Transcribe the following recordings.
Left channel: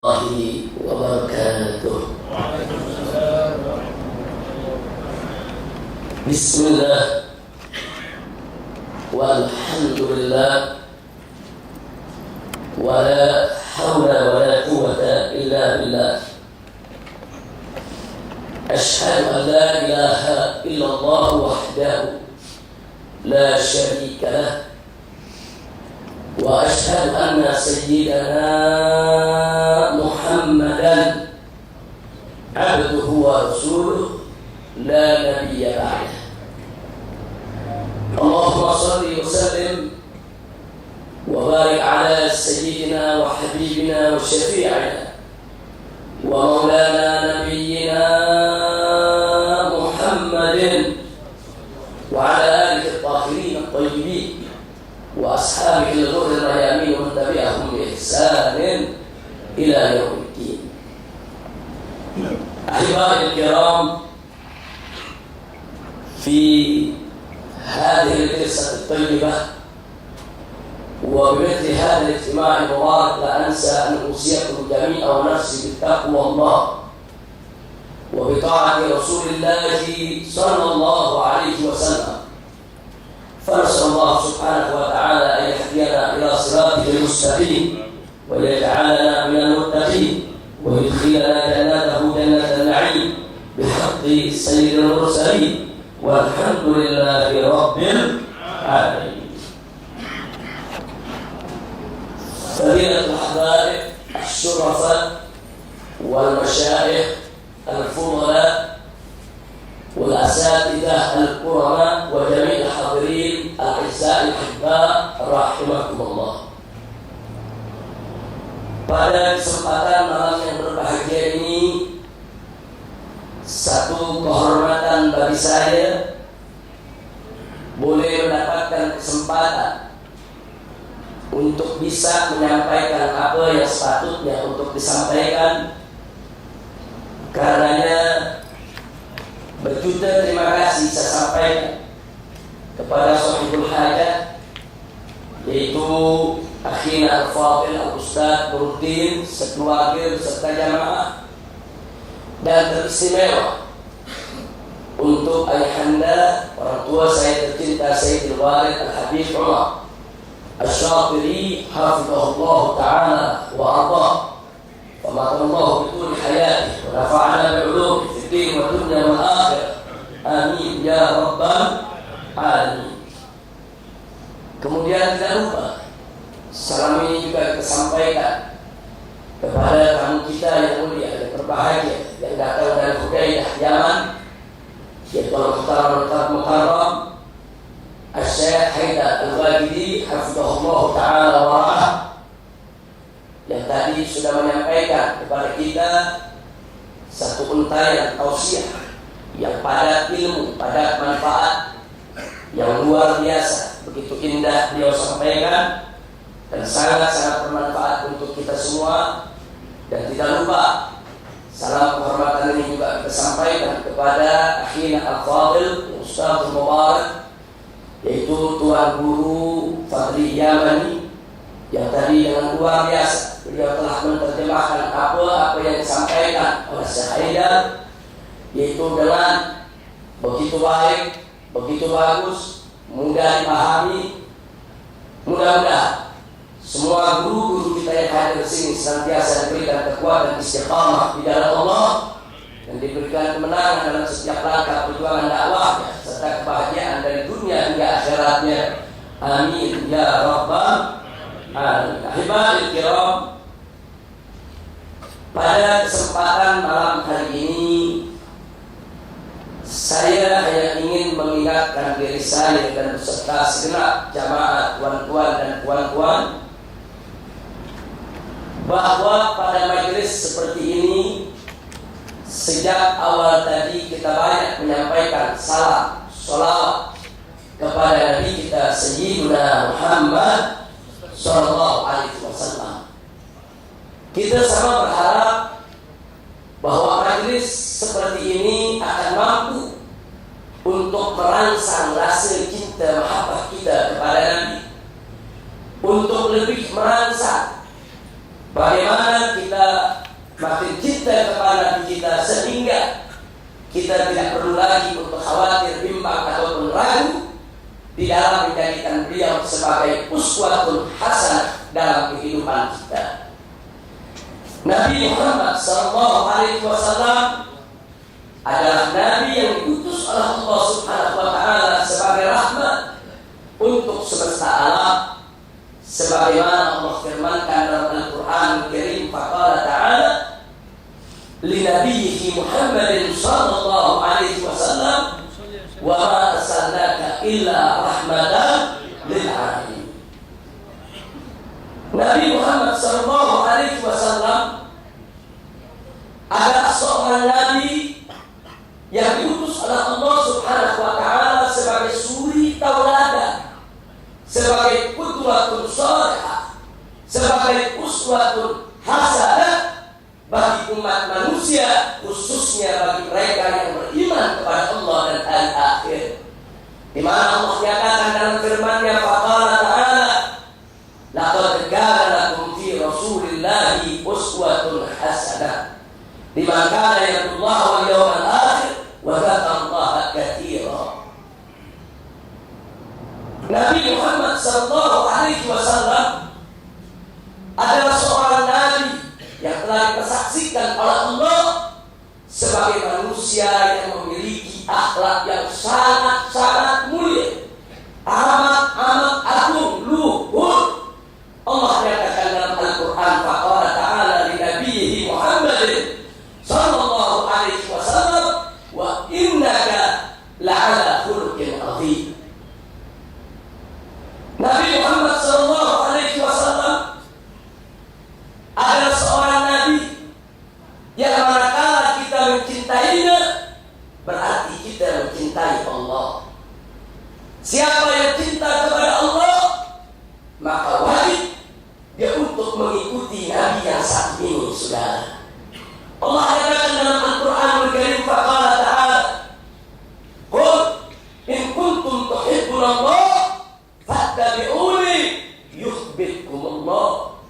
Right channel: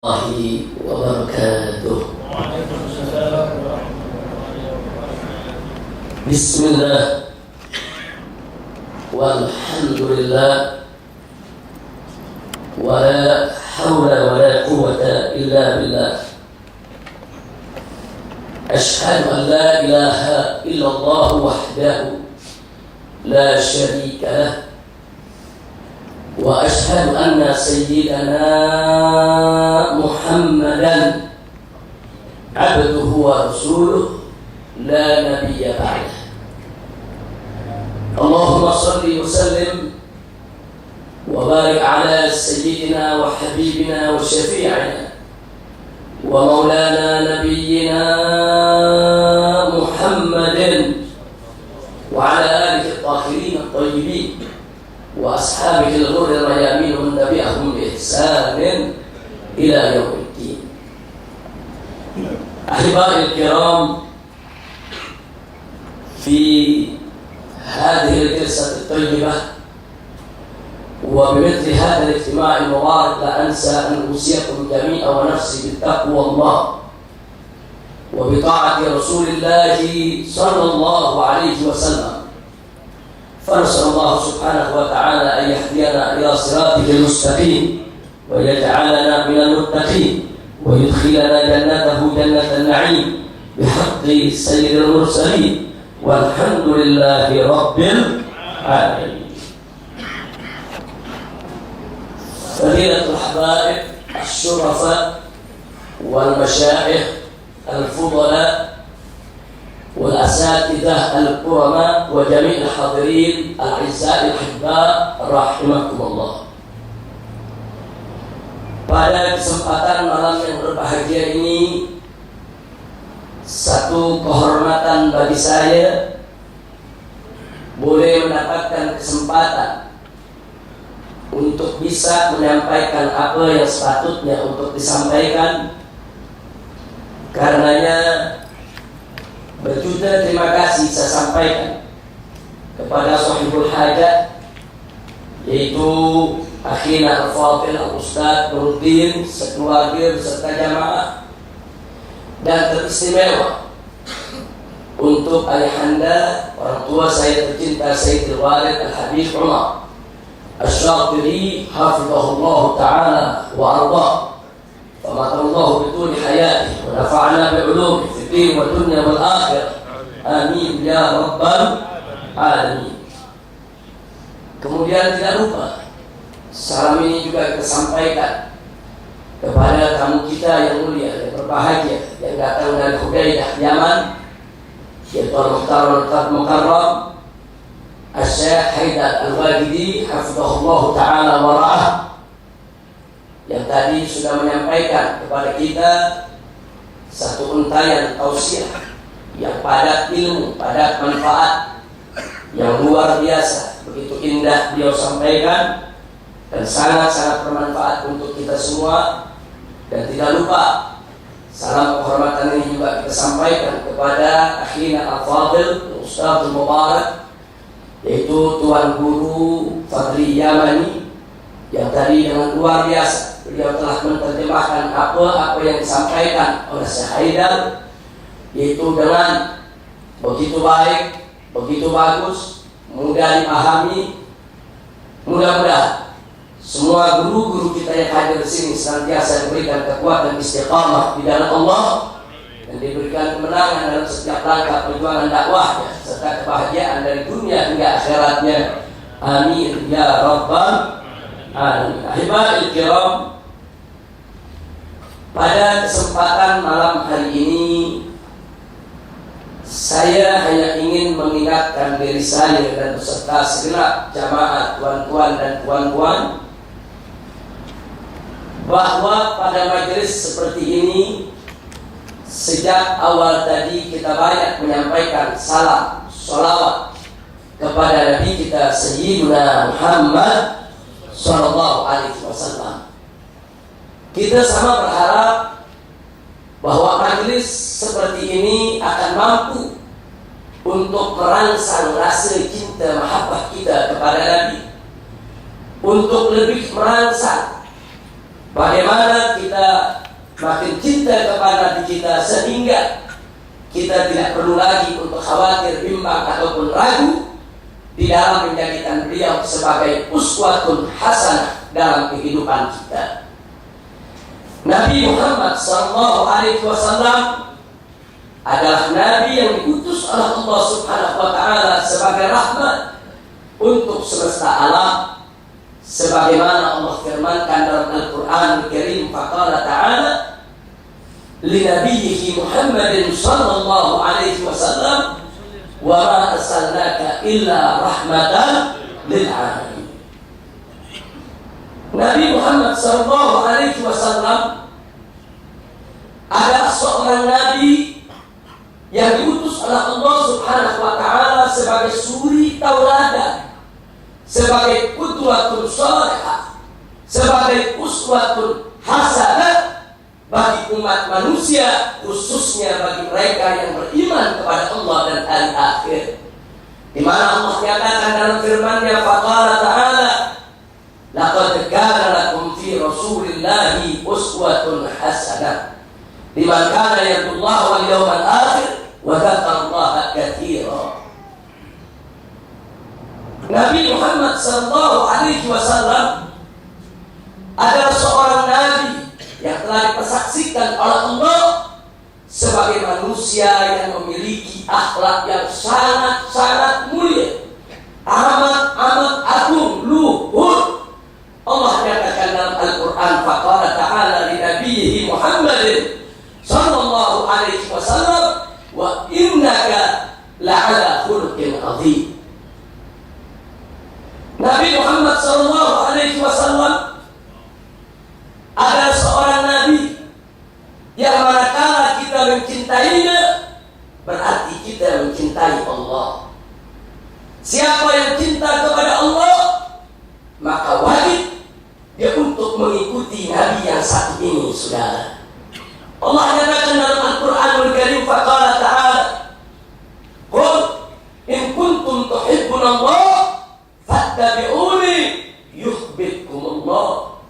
الله وبركاته. بسم الله والحمد لله ولا حول ولا قوة إلا بالله. أشهد أن لا إله إلا الله وحده لا شريك له، وأشهد أن سيدنا محمدا عبده ورسوله لا نبي بعده. اللهم صل وسلم وبارك على سيدنا وحبيبنا وشفيعنا ومولانا نبينا محمد وعلى آله الطاهرين الطيبين وأصحابه الغر الميامين ومن تبعهم بإحسان إلى يوم الدين. أحبائي الكرام، في هذه الجلسة الطيبة وبمثل هذا الاجتماع المبارك لا أنسى أن أوصيكم جميعا ونفسي بتقوى الله وبطاعة رسول الله صلى الله عليه وسلم. فنسأل الله سبحانه وتعالى أن يهدينا إلى صراطه المستقيم ويجعلنا من المتقين ويدخلنا جنته جنة النعيم بحق سيد المرسلين، والحمد لله رب العالمين. فضيلة الحبائب الشرفاء والمشايخ الفضلاء والأساتذة الكرماء وجميع الحاضرين الأعزاء الأحباء رحمكم الله. Pada kesempatan malam yang berbahagia ini, satu kehormatan bagi saya boleh mendapatkan kesempatan untuk bisa menyampaikan apa yang sepatutnya untuk disampaikan. Karenanya berjuta terima kasih saya sampaikan kepada sahibul hajat, yaitu akhina al-fadil al-ustadz Nuruddin sekeluarga beserta jamaah, dan teristimewa untuk ayahanda orang tua saya tercinta Sayyidil Walid Al-Habib Umar Asy-Syatiri hafizahullah ta'ala wa ardhah. فَمَطَرَ اللَّهُ بِطُولِ حَيَاتِهِ وَنَفَعْنَا بِعُلُومِهِ فِي الدِّينِ وَالدُّنْيَا وَالْآخِرَةِ آمين ya rabbal alamin. Kemudian tidak lupa, salam ini juga kita sampaikan kepada tamu kita yang mulia, yang berbahagia, yang datang dari Hudaidah, Yaman, yaitu Al-Muhtar Al-Mukarram Asy-Syaikh Haidar Al-Wajidi hafizahullah ta'ala wa ra'ah, yang tadi sudah menyampaikan kepada kita satu untayan tausiah yang padat ilmu, padat manfaat, yang luar biasa. Begitu indah beliau sampaikan dan sangat-sangat bermanfaat untuk kita semua. Dan tidak lupa, salam penghormatan ini juga kita sampaikan kepada akhina al-fadil Ustadz Mubarak, yaitu Tuan Guru Fadli Yamani, yang tadi dengan luar biasa beliau telah menerjemahkan apa yang disampaikan oleh Syekh Haidar, yaitu dengan begitu baik, begitu bagus, mudah dipahami. Mudah-mudahan semua guru-guru kita yang hadir di sini senantiasa diberikan kekuatan istiqamah di jalan Allah dan diberikan kemenangan dalam setiap langkah perjuangan dakwahnya serta kebahagiaan dari dunia hingga akhiratnya. Amin ya rabbal alamin. Ahibaiil kiram, pada kesempatan malam hari ini saya hanya ingin mengingatkan diri saya dan beserta segenap jamaah tuan-tuan dan puan-puan bahwa pada majelis seperti ini sejak awal tadi kita banyak menyampaikan salam, sholawat kepada Nabi kita Sayyidina Muhammad sallallahu alaihi wasallam. Kita sama berharap bahwa majelis seperti ini akan mampu untuk merangsang rasa cinta mahabbah kita kepada Nabi, untuk lebih merangsang bagaimana kita makin cinta kepada Nabi kita, sehingga kita tidak perlu lagi untuk khawatir, bimbang ataupun ragu di dalam menjadikan beliau sebagai uswatun hasanah dalam kehidupan kita. Nabi Muhammad SAW adalah Nabi yang diutus oleh Allah Subhanahu wa Ta'ala sebagai rahmat untuk semesta alam, sebagaimana Allah firmankan dalam Al-Quran Al-Karim, faqala ta'ala li nabiyhi Muhammadin sallallahu alaihi wasallam wa ma arsalnaka illa rahmatan lil alamin. Nabi Muhammad sallallahu alaihi wasallam adalah seorang nabi yang diutus oleh Allah Subhanahu wa Ta'ala sebagai suri tauladan, sebagai qudwatun shalihah, sebagai uswatun hasanah bagi umat manusia, khususnya bagi mereka yang beriman kepada Allah dan hari akhir. Di mana Allah nyatakan dalam firman-Nya, faqala ta'ala laqad kana lakum fi rasulillahi uswatun hasanah liman kana yarjullaha wal yawmal akhir wa dzakarallaha katsira. Nabi Muhammad sallallahu alaihi wasallam adalah seorang nabi yang telah dipersaksikan oleh Allah sebagai manusia yang memiliki akhlak yang sangat-sangat mulia, amat agung, luhur. Allah nyatakan dalam Al-Quran, faqala ta'ala li nabiyhi Muhammadin sallallahu alaihi wasallam wa innaka la'ala khuluqin azim. Nabi Muhammad sallallahu alaihi wasallam adalah seorang nabi yang manakala kita mencintainya, berarti kita mencintai Allah. Siapa yang cinta kepada Allah, maka wajib dia untuk mengikuti nabi yang satu ini, saudara. Allah katakan dalam Al-Quranul Karim, faqala ta'ala qul in kuntum tuhibbunallah fattabi'uni yuhibbukumullah.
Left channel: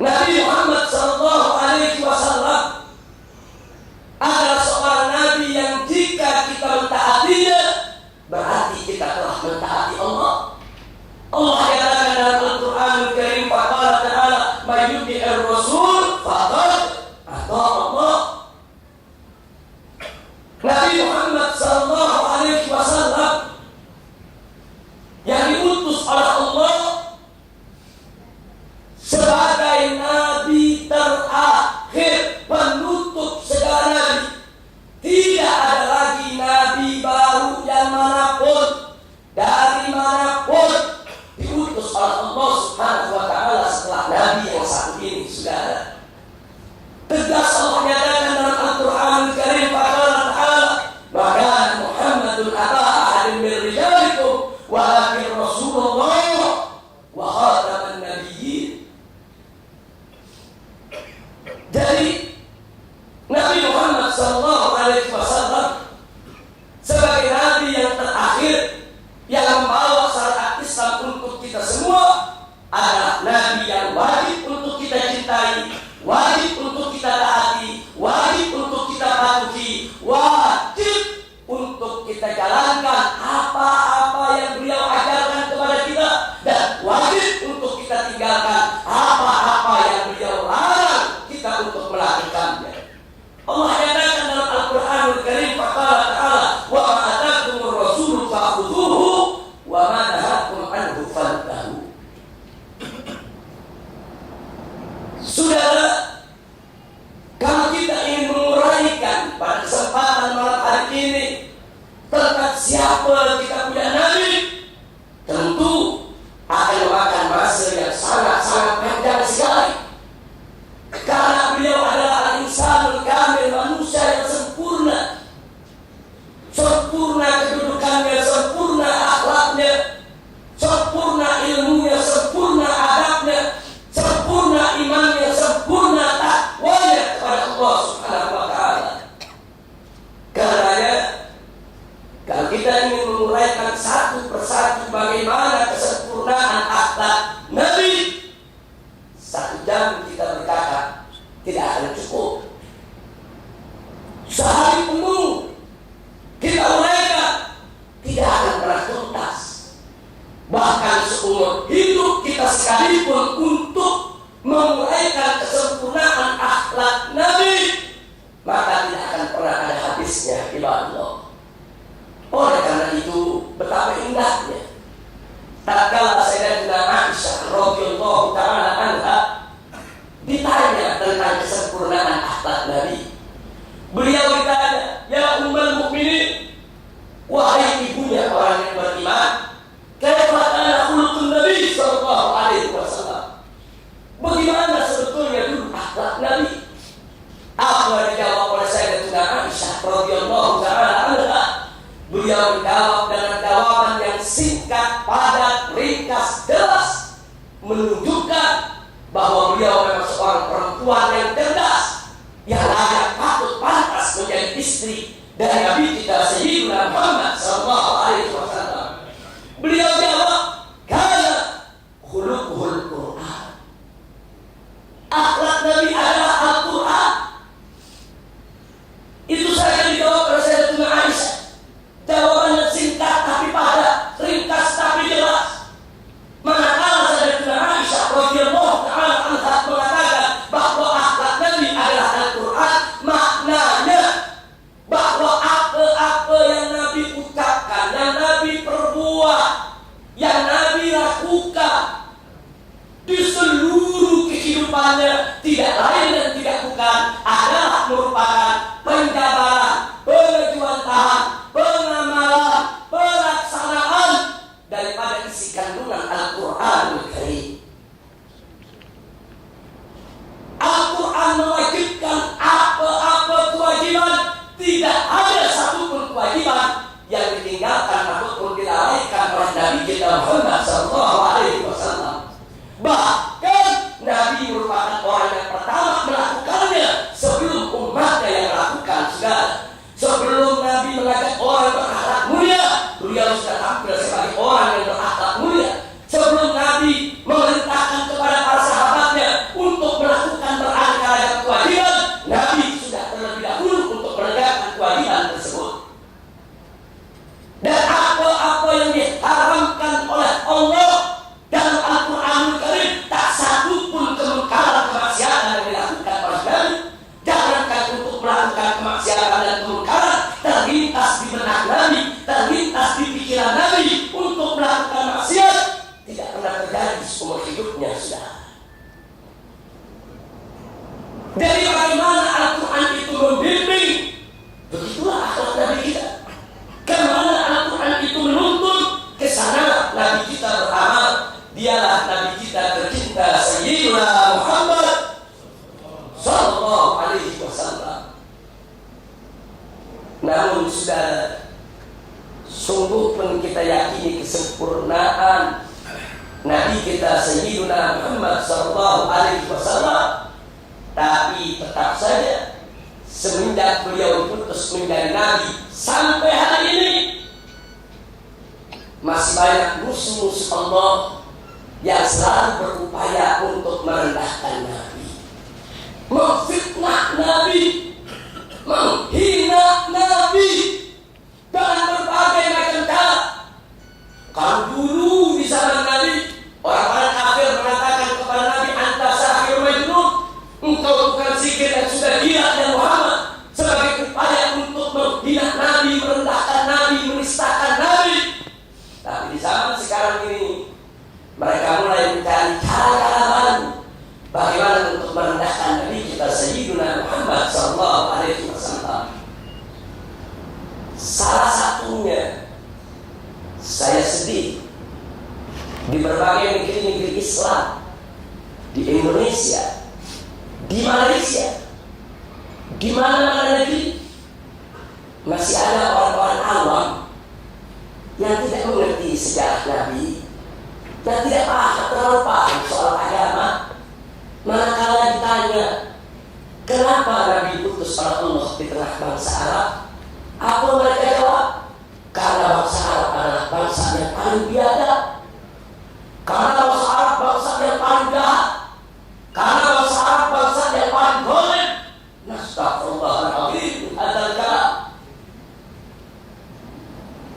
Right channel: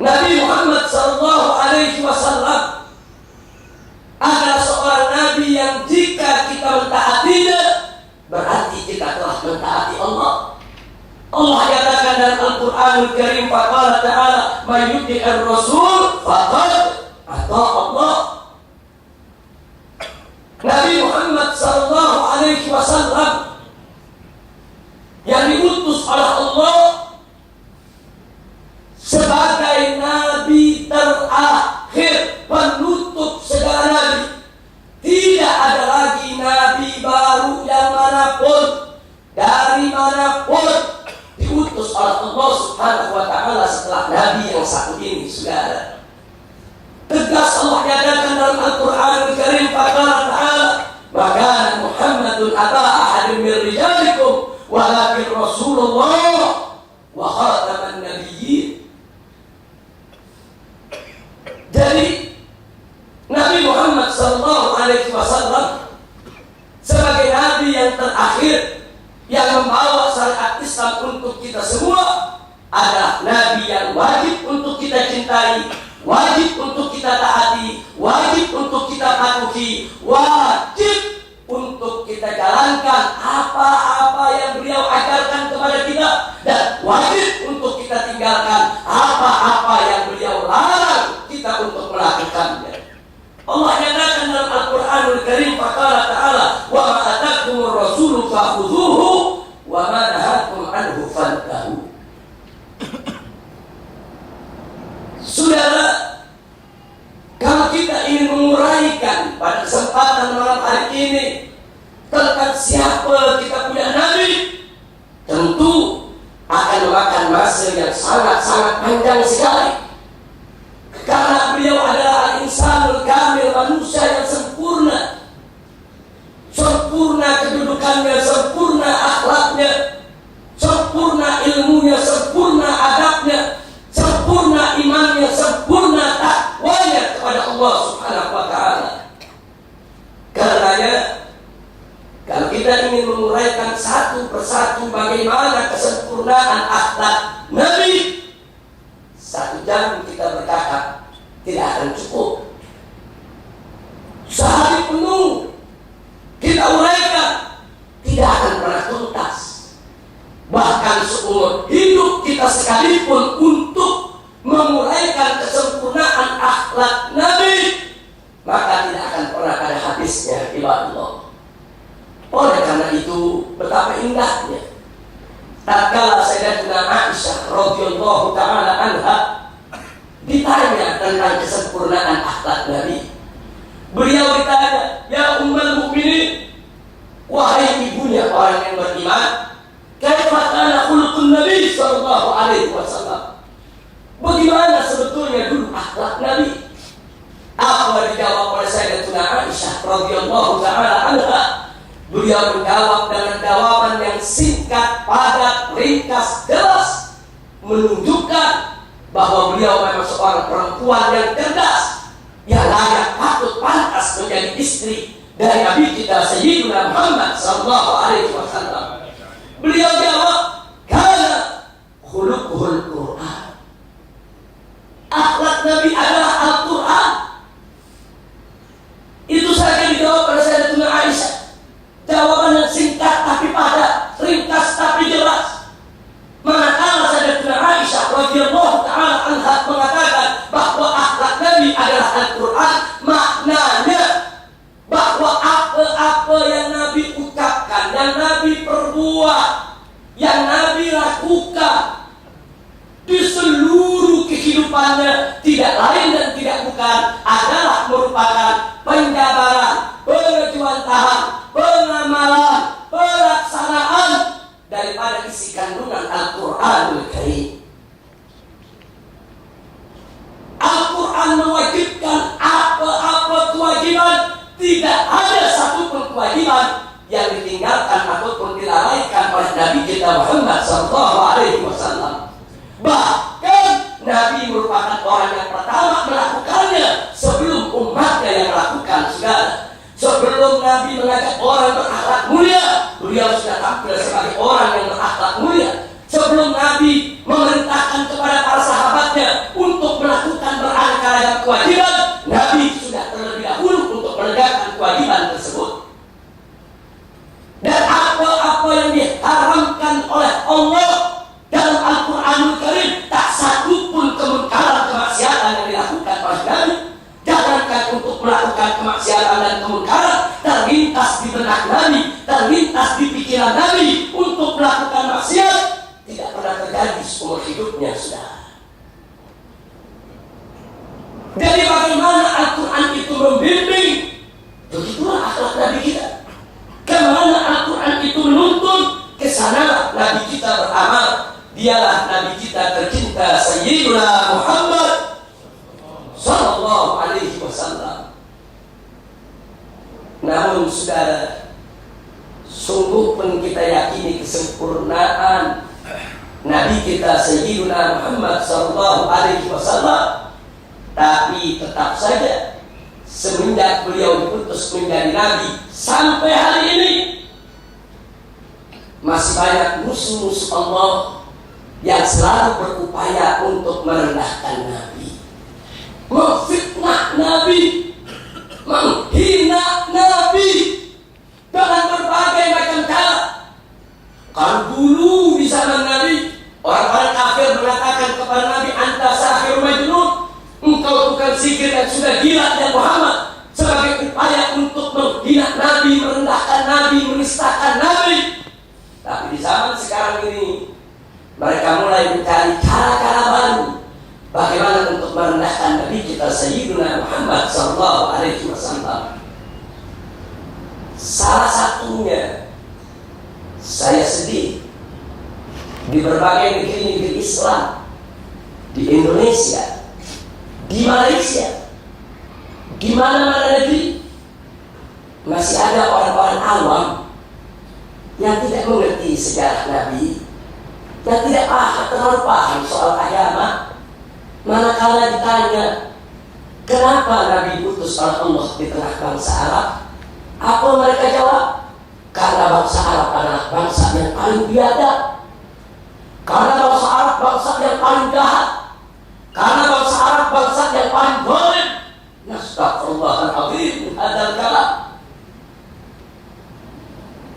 Nabi Muhammad sallallahu alaihi wasallam adalah seorang nabi yang jika kita mentaatinya, berarti kita telah mentaati Allah. Allah katakan dalam Al-Quranul Karim, faqala ta'ala may yuti'ir rasul faqad ata Allah. Nabi Muhammad sallallahu alaihi wasallam yang diutus oleh Allah sebagai nabi terakhir, penutup segala nabi. Tidak ada lagi nabi baru yang manapun, dari manapun, diutus oleh Allah Subhanahu wa Ta'ala setelah nabi yang satu ini, saudara. Tegas Allah nyatakan dalam Al-Quran Al-Karim, faqala ta'ala maka Muhammadun aba ahadin min rijalikum walakin Rasulullah wa khataman nabiyyin. Jadi Nabi Muhammad sallallahu alaihi wasallam sebagai nabi yang terakhir yang membawa syariat Islam untuk kita semua adalah nabi yang wajib untuk kita cintai, wajib untuk kita taati, wajib untuk kita patuhi, wajib untuk kita jalankan apa-apa yang beliau ajarkan kepada kita, dan wajib untuk kita tinggalkan apa-apa yang beliau larang kita untuk melakukannya. Allah katakan dalam Al-Quranul Karim, faqala ta'ala wa ma atakumur rasulu fa'khudhuhu wa ma nahakum anhu fantahu. Saudara, kalau kita ingin menguraikan pada kesempatan malam hari ini tentang siapa kita punya nabi, tentu akan memakan masa yang sangat-sangat panjang sekali. Karena beliau adalah al-insanul kamil, manusia yang sempurna, sempurna kedudukannya, sempurna akhlaknya, sempurna ilmunya, sempurna adabnya, sempurna imannya, sempurna takwanya kepada Allah Subhanahu wa Ta'ala. Karenanya, kalau kita ingin menguraikan satu persatu bagaimana kesempurnaan akhlak Nabi, 1 jam kita berkata tidak akan cukup. Sehari penuh kita uraikan, tidak akan pernah tuntas. Bahkan seumur hidup kita sekalipun untuk menguraikan kesempurnaan akhlak Nabi, maka tidak akan pernah ada habisnya, ibadallah. Oleh karena itu, betapa indahnya tatkala Sayyidatina Aisyah radhiyallahu taala anha ditanya tentang kesempurnaan akhlak Nabi. Beliau ditanya, "Ya ummul mukminin, wahai ibunya orang yang beriman, kaifa kana khuluqun Nabi sallallahu alaihi wasallam?" Bagaimana sebetulnya dulu akhlak Nabi? Apa dijawab oleh Sayyidatina Aisyah radhiyallahu taala anha? Beliau menjawab dengan jawaban yang singkat, padat, ringkas, jelas, menunjukkan bahwa beliau memang seorang perempuan yang cerdas, yang layak patut pantas menjadi istri dari Nabi kita Sayyidina Muhammad sallallahu alaihi wasallam. Beliau jawab, "Kana khuluquhul Qur'an." Akhlak Nabi adalah Al-Qur'an. Itu saja dijawab oleh Sayyidatina Aisyah. Jawaban yang singkat tapi padat, ringkas tapi jelas. Manakala Sayyidatina Aisyah radhiyallahu taala anha mengatakan bahwa akhlak Nabi adalah Al-Qur'an, maknanya bahwa apa-apa yang Nabi ucapkan, yang Nabi perbuat, yang Nabi lakukan di seluruh kehidupannya tidak lain dan tidak bukan adalah merupakan penjabaran, pengejuantahan, pengamalan, pelaksanaan daripada isi kandungan Al-Qur'anul Karim. Al-Quran mewajibkan apa-apa kewajiban, tidak ada satupun kewajiban yang ditinggalkan ataupun dilalaikan oleh Nabi kita Muhammad sallallahu alaihi wasallam. Bahkan Nabi merupakan orang yang pertama melakukannya sebelum umatnya yang melakukan. Saudara, sebelum Nabi mengajak orang berakhlak mulia, beliau sudah tampil sebagai orang yang berakhlak mulia. Sebelum Nabi memerintahkan kepada para sahabatnya untuk melakukan beraneka ragam kewajiban, Nabi sudah terlebih dahulu untuk menegakkan kewajiban tersebut. Dan apa-apa yang diharamkan oleh Allah dalam Al-Quranul Karim, tak satu pun kemungkaran kemaksiatan yang dilakukan oleh Nabi. Jangankan untuk melakukan kemaksiatan dan kemungkaran, terlintas di benak Nabi, terlintas di pikiran Nabi untuk melakukan maksiat, tidak pernah terjadi seumur hidupnya, saudara. Jadi bagaimana Al-Quran itu membimbing, begitulah akhlak Nabi kita. Kemana Al-Quran itu menuntun, kesana Nabi kita beramal. Dialah Nabi kita tercinta Sayyidina Muhammad sallallahu alaihi wasallam. Namun saudara, sungguh pun kita yakini kesempurnaan Nabi kita Sayyidina Muhammad sallallahu alaihi wasallam, tapi tetap saja semenjak beliau diputus menjadi Nabi sampai hari ini masih banyak musuh-musuh Allah yang selalu berupaya untuk merendahkan Nabi, memfitnah Nabi, menghina Nabi dengan berbagai macam cara. Kalau dulu di zaman Nabi, orang-orang kafir mengatakan kepada Nabi, "Anta sahir majnun," engkau bukan sihir dan sudah gila, dan Muhammad sebagai upaya untuk menghina Nabi, merendahkan Nabi, menistakan Nabi. Tapi di zaman sekarang ini mereka mulai mencari cara-cara baru bagaimana untuk merendahkan Nabi kita Sayyidina Muhammad sallallahu alaihi wasallam. Salah satunya, saya sedih di berbagai negeri-negeri Islam, di Indonesia, di Malaysia, di mana-mana negeri, masih ada orang-orang awam yang tidak mengerti sejarah Nabi, yang tidak terlalu paham soal agama. Manakala ditanya kenapa Nabi diutus oleh Allah di tengah bangsa Arab, apa mereka jawab? Karena bangsa Arab adalah bangsa yang paling biadab, karena bangsa Arab bangsa yang paling jahat, karena bangsa Arab bangsa yang paling badal kalam.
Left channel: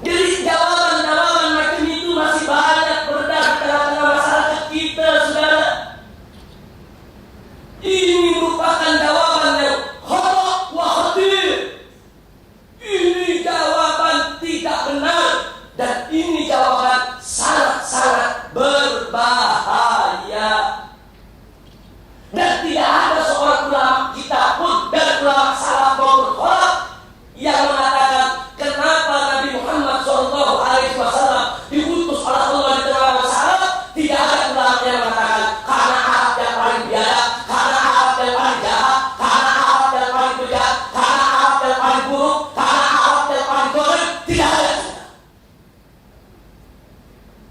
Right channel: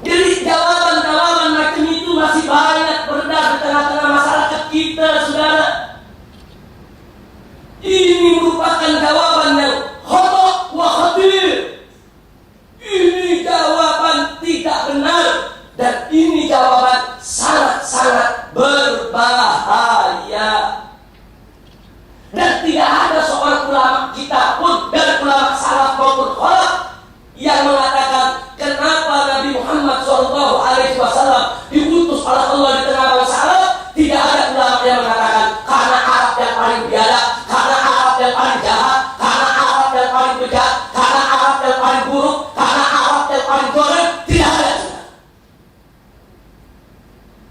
Jadi jawaban-jawaban macam itu masih banyak beredar di tengah-tengah masyarakat kita, saudara. Ini merupakan jawaban yang khata wa khatir. Ini jawaban tidak benar dan ini jawaban sangat-sangat berbahaya. Dan tidak ada seorang ulama kita pun dari ulama salaf maupun khalaf yang mengatakan kenapa Nabi Muhammad SAW diutus oleh Allah di tengah bangsa Arab. Tidak ada ulama yang mengatakan karena Arab yang paling biadab, karena Arab yang paling jahat, karena Arab yang paling bejat, karena Arab yang paling buruk, karena Arab yang paling zalim. Tidak ada.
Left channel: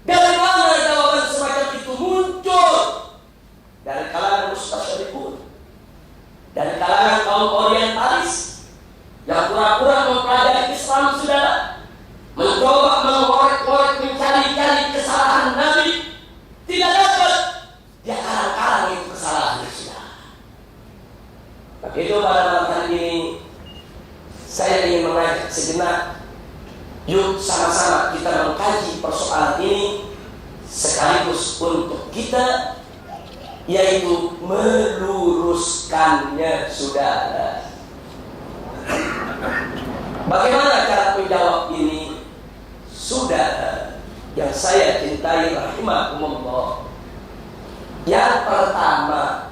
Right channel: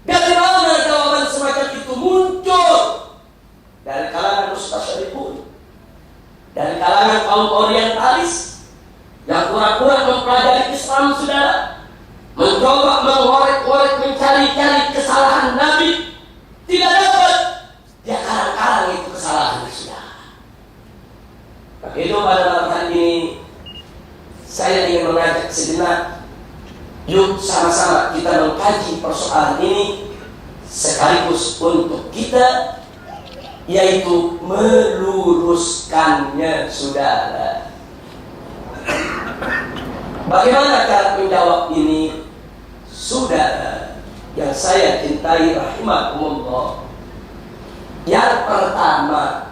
Dari mana jawaban semacam itu muncul? Dari kalangan mustasyriqun, dari kalangan kaum orientalis yang pura-pura mempelajari Islam, saudara, mencoba mengorek-orek, mencari-cari kesalahan Nabi, tidak dapat, dia karang-karang itu kesalahannya, saudara. Maka itu pada malam hari ini saya ingin mengajak sejenak, yuk sama-sama kita mengkaji persoalan ini sekaligus untuk kita, yaitu meluruskannya, saudara. Bagaimana cara menjawab ini, saudara yang saya cintai rahimakumullah? Yang pertama,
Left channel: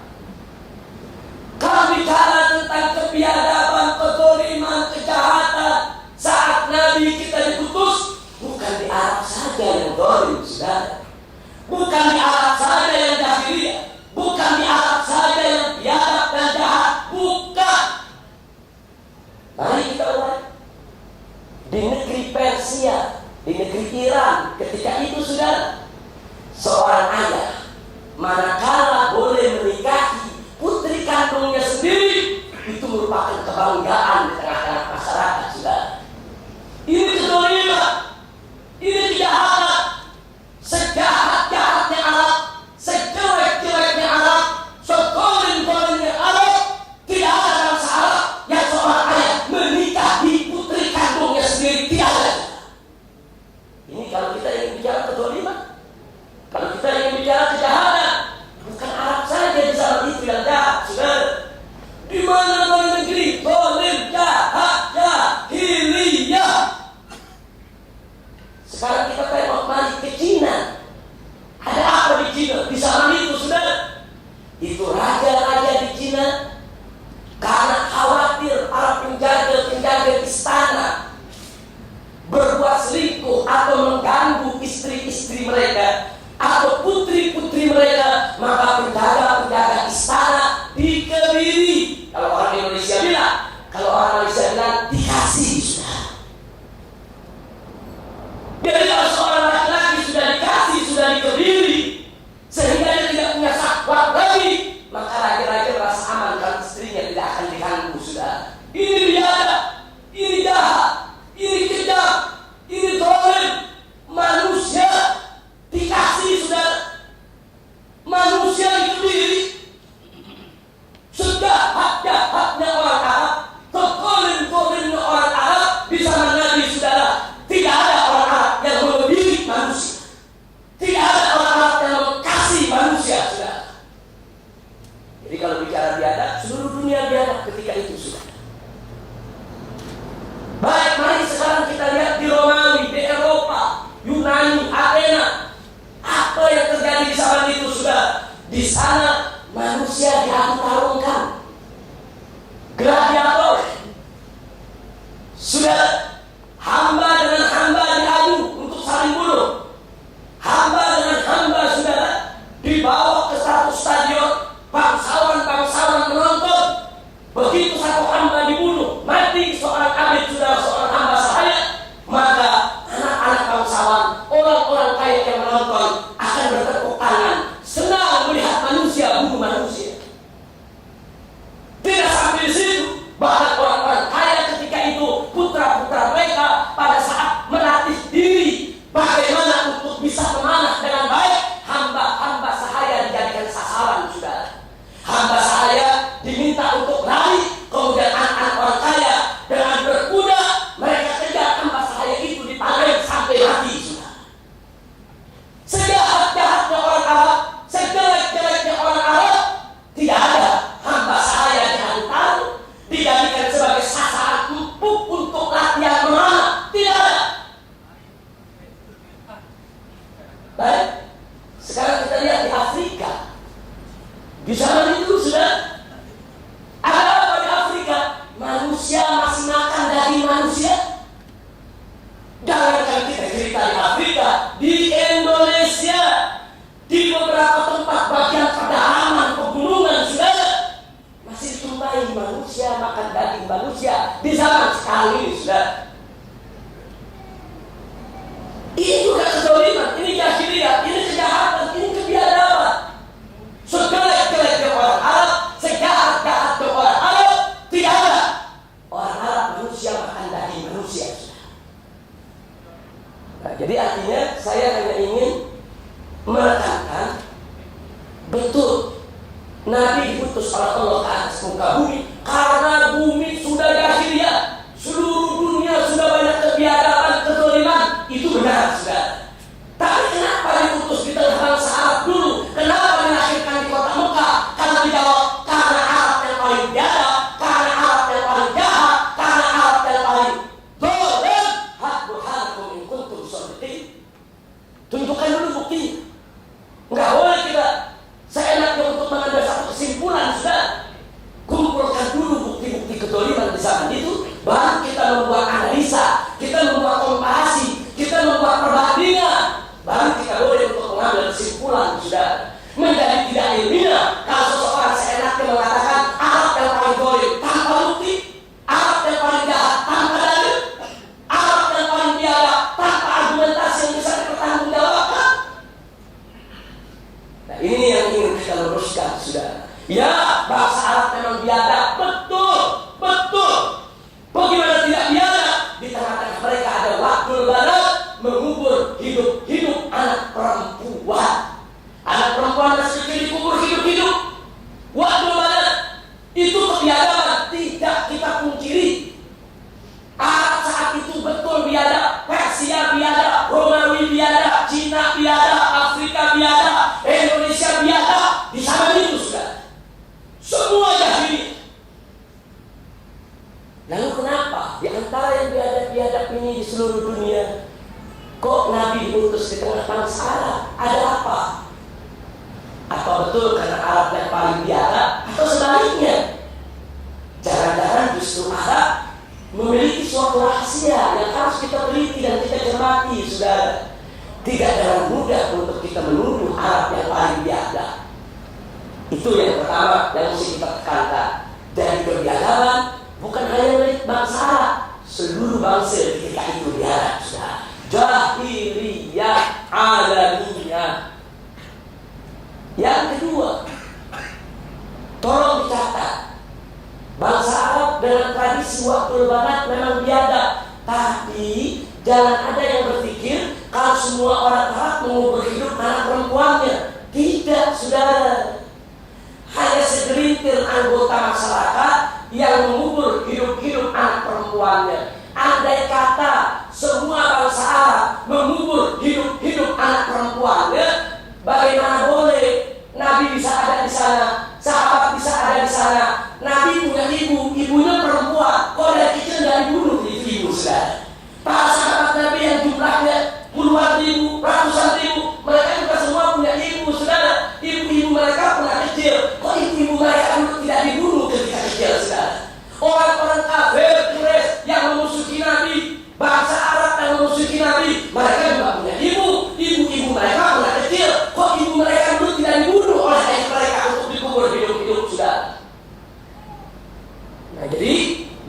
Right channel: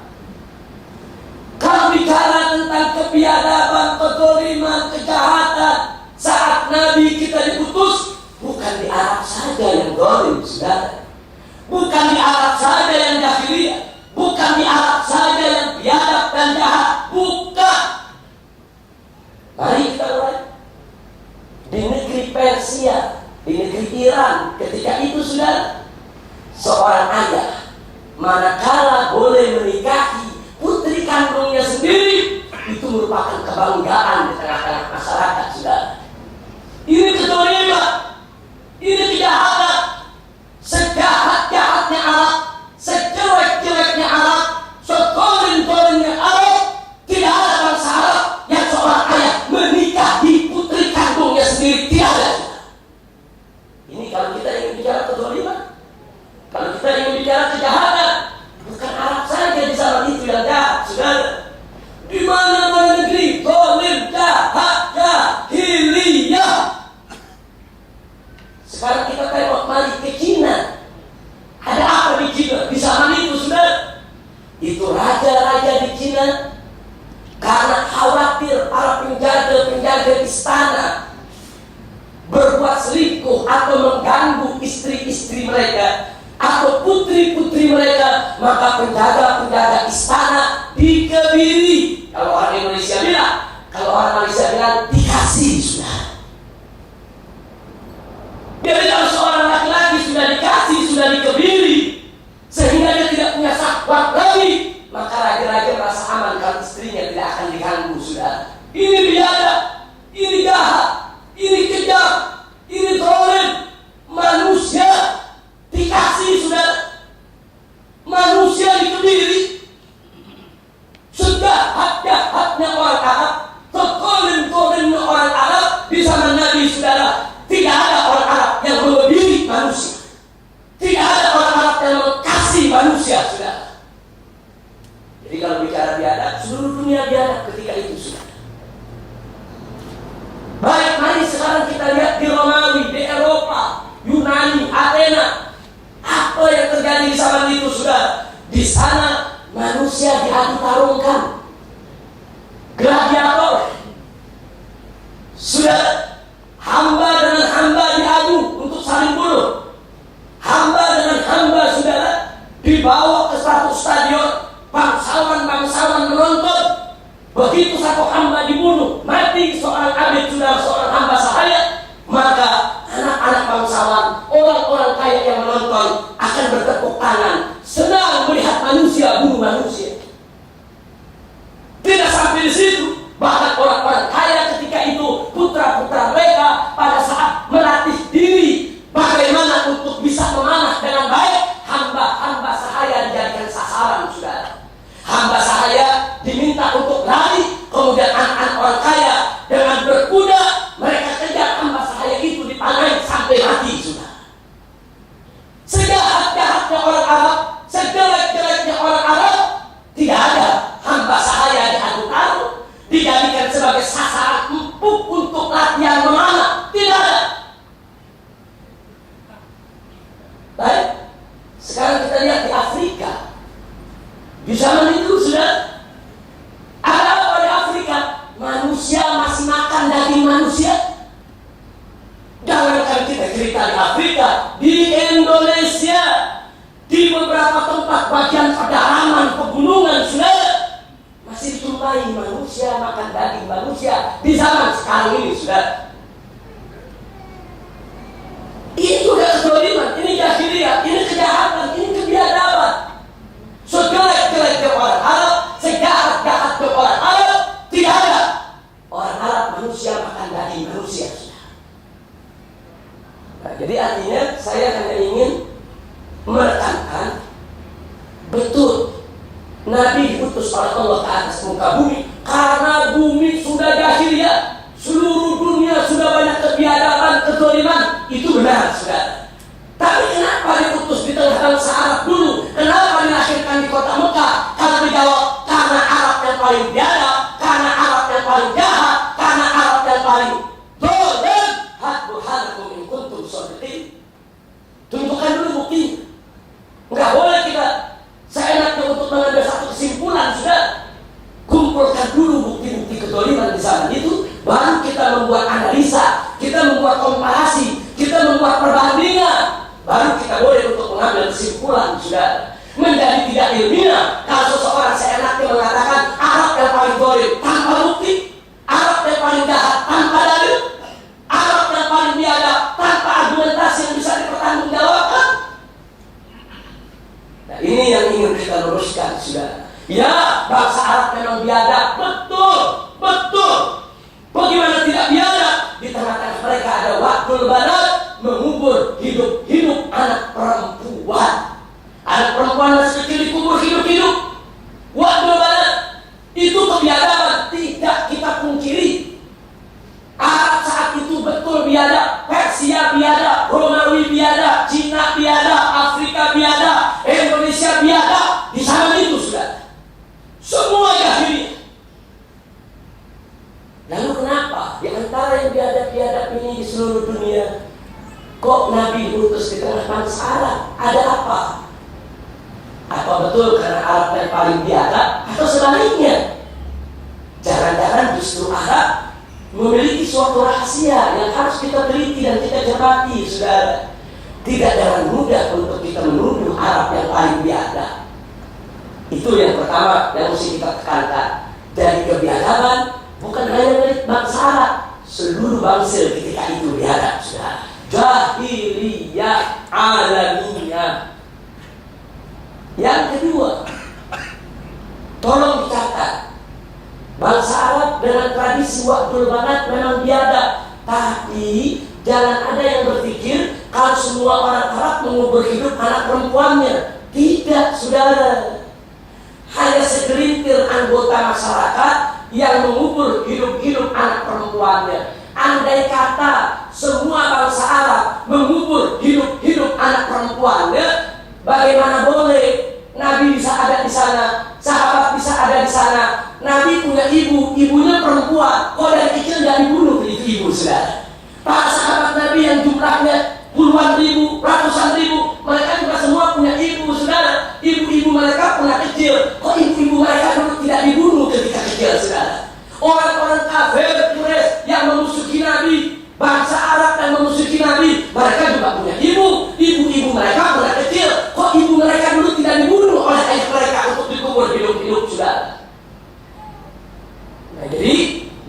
kalau bicara tentang kebiadaban, kezaliman, kejahatan saat Nabi kita diutus, bukan di Arab saja yang zalim, saudara. Bukan di Arab saja yang jahiliyah, bukan di Arab saja yang biadab dan jahat, bukan. Mari kita mulai di negeri Persia, di negeri Iran. Ketika itu, saudara, seorang ayah manakala boleh menikahi putri kandungnya sendiri, itu merupakan kebanggaan di tengah-tengah masyarakat, saudara. Ini kezaliman, ini kejahatan. Sejahat-jahatnya Arab, sejelek-jeleknya Arab, sedolim-dolimnya Arab, tidak ada bangsa Arab yang seorang ayah menikahi putri kandungnya sendiri. Tidak ada. Ini kalau kita ingin bicara kezaliman, kalau kita ingin bicara kejahatan, bukan Arab saja di zaman itu yang jahat, saudara. Di mana-mana negeri zalim, jahat, jahiliyah. Sekarang kita tengok mari ke Cina. Ada apa di Cina? Di zaman itu, saudara, itu raja-raja di Cina karena khawatir para penjaga-penjaga istana berbuat selingkuh atau mengganggu istri-istri mereka atau putri-putri mereka, maka penjaga-penjaga istana dikebiri. Kalau orang Indonesia bilang, kalau orang Malaysia bilang dikasih, saudara. Jadi kalau seorang laki-laki sudah dikasih, sudah dikebiri, sehingga dia tidak punya syahwat lagi, maka raja-raja merasa aman kalau istrinya tidak akan diganggu, saudara. Ini biadab, ini jahat, ini kejam, ini zalim. Manusia dikasih, saudara. Manusia dikebiri. Sejahat-jahatnya orang Arab, sezalim-zalimnya orang Arab di zaman Nabi, saudara. Tidak ada orang Arab yang melebihi manusia. Tidak ada orang Arab yang mengasihi manusia, saudara. Jadi kalau bicara biadab, seluruh dunia biadab ketika itu, saudara. Baik, mari sekarang kita lihat di Romawi, di Eropa, Yunani, Athena. Apa yang terjadi di zaman itu, saudara? Di sana manusia diadu tarungkan. Gladiator. Saudara, hamba dengan hamba diadu untuk saling bunuh. Hamba dengan hamba, saudara, dibawa ke satu stadion, bangsawan-bangsawan menonton. Begitu satu hamba mulai manusia makan daging manusia di zaman sekarang ini, sudah. Ini juga kezaliman, ini jahiliyah, ini kejahatan, ini kebiadaban. Sejelek-jeleknya orang Arab, sejahat-jahatnya orang Arab, tidak ada orang Arab manusia makan daging manusia, sudah. Nah, jadi artinya saya hanya ingin menekankan betul Nabi diutus oleh Allah ke atas muka bumi karena bumi sudah jahiliyah, seluruh dunia sudah banyak kebiadaban, kezaliman. Itu benar, saudara. Tapi kenapa diutus di tengah bangsa Arab dulu? Kenapa dilahirkan di kota Mekah? Kalau dijawab, karena Arab yang paling biadab, karena Arab yang paling jahat, karena Arab yang paling zalim. Burhanakum in kuntum shadiqin. Tunjukkan dulu bukti. Enggak boleh kita seenaknya untuk mengambil satu kesimpulan, sudah. Kumpulkan dulu bukti-bukti kezaliman di zaman itu, baru kita membuat analisa, kita membuat komparasi, kita membuat perbandingan, baru kita boleh untuk mengambil kesimpulan, sudah. Menjadi tidak ilmiah kalau seseorang seenaknya mengatakan Arab yang paling zalim tanpa bukti, Arab yang paling jahat tanpa dalil, Arab yang paling biadab tanpa argumentasi yang bisa dipertanggungjawabkan. Nah, ini yang ingin kita luruskan, sudah. Ya, bangsa Arab memang biadab, betul, betul. Bagaimana tidak biadab? Di tengah-tengah mereka ada waktul banat, mengubur hidup-hidup anak perempuan. Anak perempuan masih kecil dikubur hidup-hidup. Waktul banat itu kebiadaban, tidak kita pungkiri. Arab saat itu betul biadab, Persia biadab, Romawi biadab, Cina biadab, Afrika biadab, Indonesia biadab. Di sana itu, sudah. Semua jahiliyah. Lalu kenapa di antara yang biadab-biadab ini di seluruh dunia kok Nabi diutus di tengah bangsa Arab? Ada apa? Apa betul karena Arab yang paling biadab atau sebaliknya? Jangan-jangan justru Arab memiliki suatu rahasia yang harus kita teliti dan kita cermati, saudara. Tidak dengan mudah untuk kita menuduh Arab yang paling biadab. Itu yang pertama yang mesti kita tekankan. Dari kebiadaban bukan hanya milik bangsa Arab, seluruh bangsa ketika itu biadab, sudah. Jahiliyah alamiyah. Yang kedua, tolong dicatat, bangsa Arab dengan tradisi waktul banat memang biadab, tapi jangan ada yang berpikir kalau semua orang Arab mengubur hidup anak perempuannya. Tidak, saudara. Hanya segelintir anggota masyarakat yang mengubur hidup-hidup anak perempuannya. Andai kata semua bangsa Arab mengubur hidup-hidup anak perempuannya, bagaimana boleh Nabi bisa ada di sana, sahabat bisa ada di sana. Nabi punya ibu, ibunya perempuan. Kok dari kecil nggak dibunuh itu ibu, saudara? Para sahabat Nabi yang jumlahnya puluhan ribu, ratusan ribu, mereka juga semua punya ibu, saudara. Ibu-ibu mereka pernah kecil. Kok ibu-ibu mereka dulu tidak dibunuh ketika kecil, saudara? Orang-orang kafir Quraisy yang memusuhi Nabi, bangsa Arab yang memusuhi Nabi, mereka juga punya ibu. Ibu-ibu mereka pernah kecil. Kok ibu mereka dulu tidak dibunuh oleh ayah mereka untuk dikubur hidup-hidup, saudara? Nah, jadi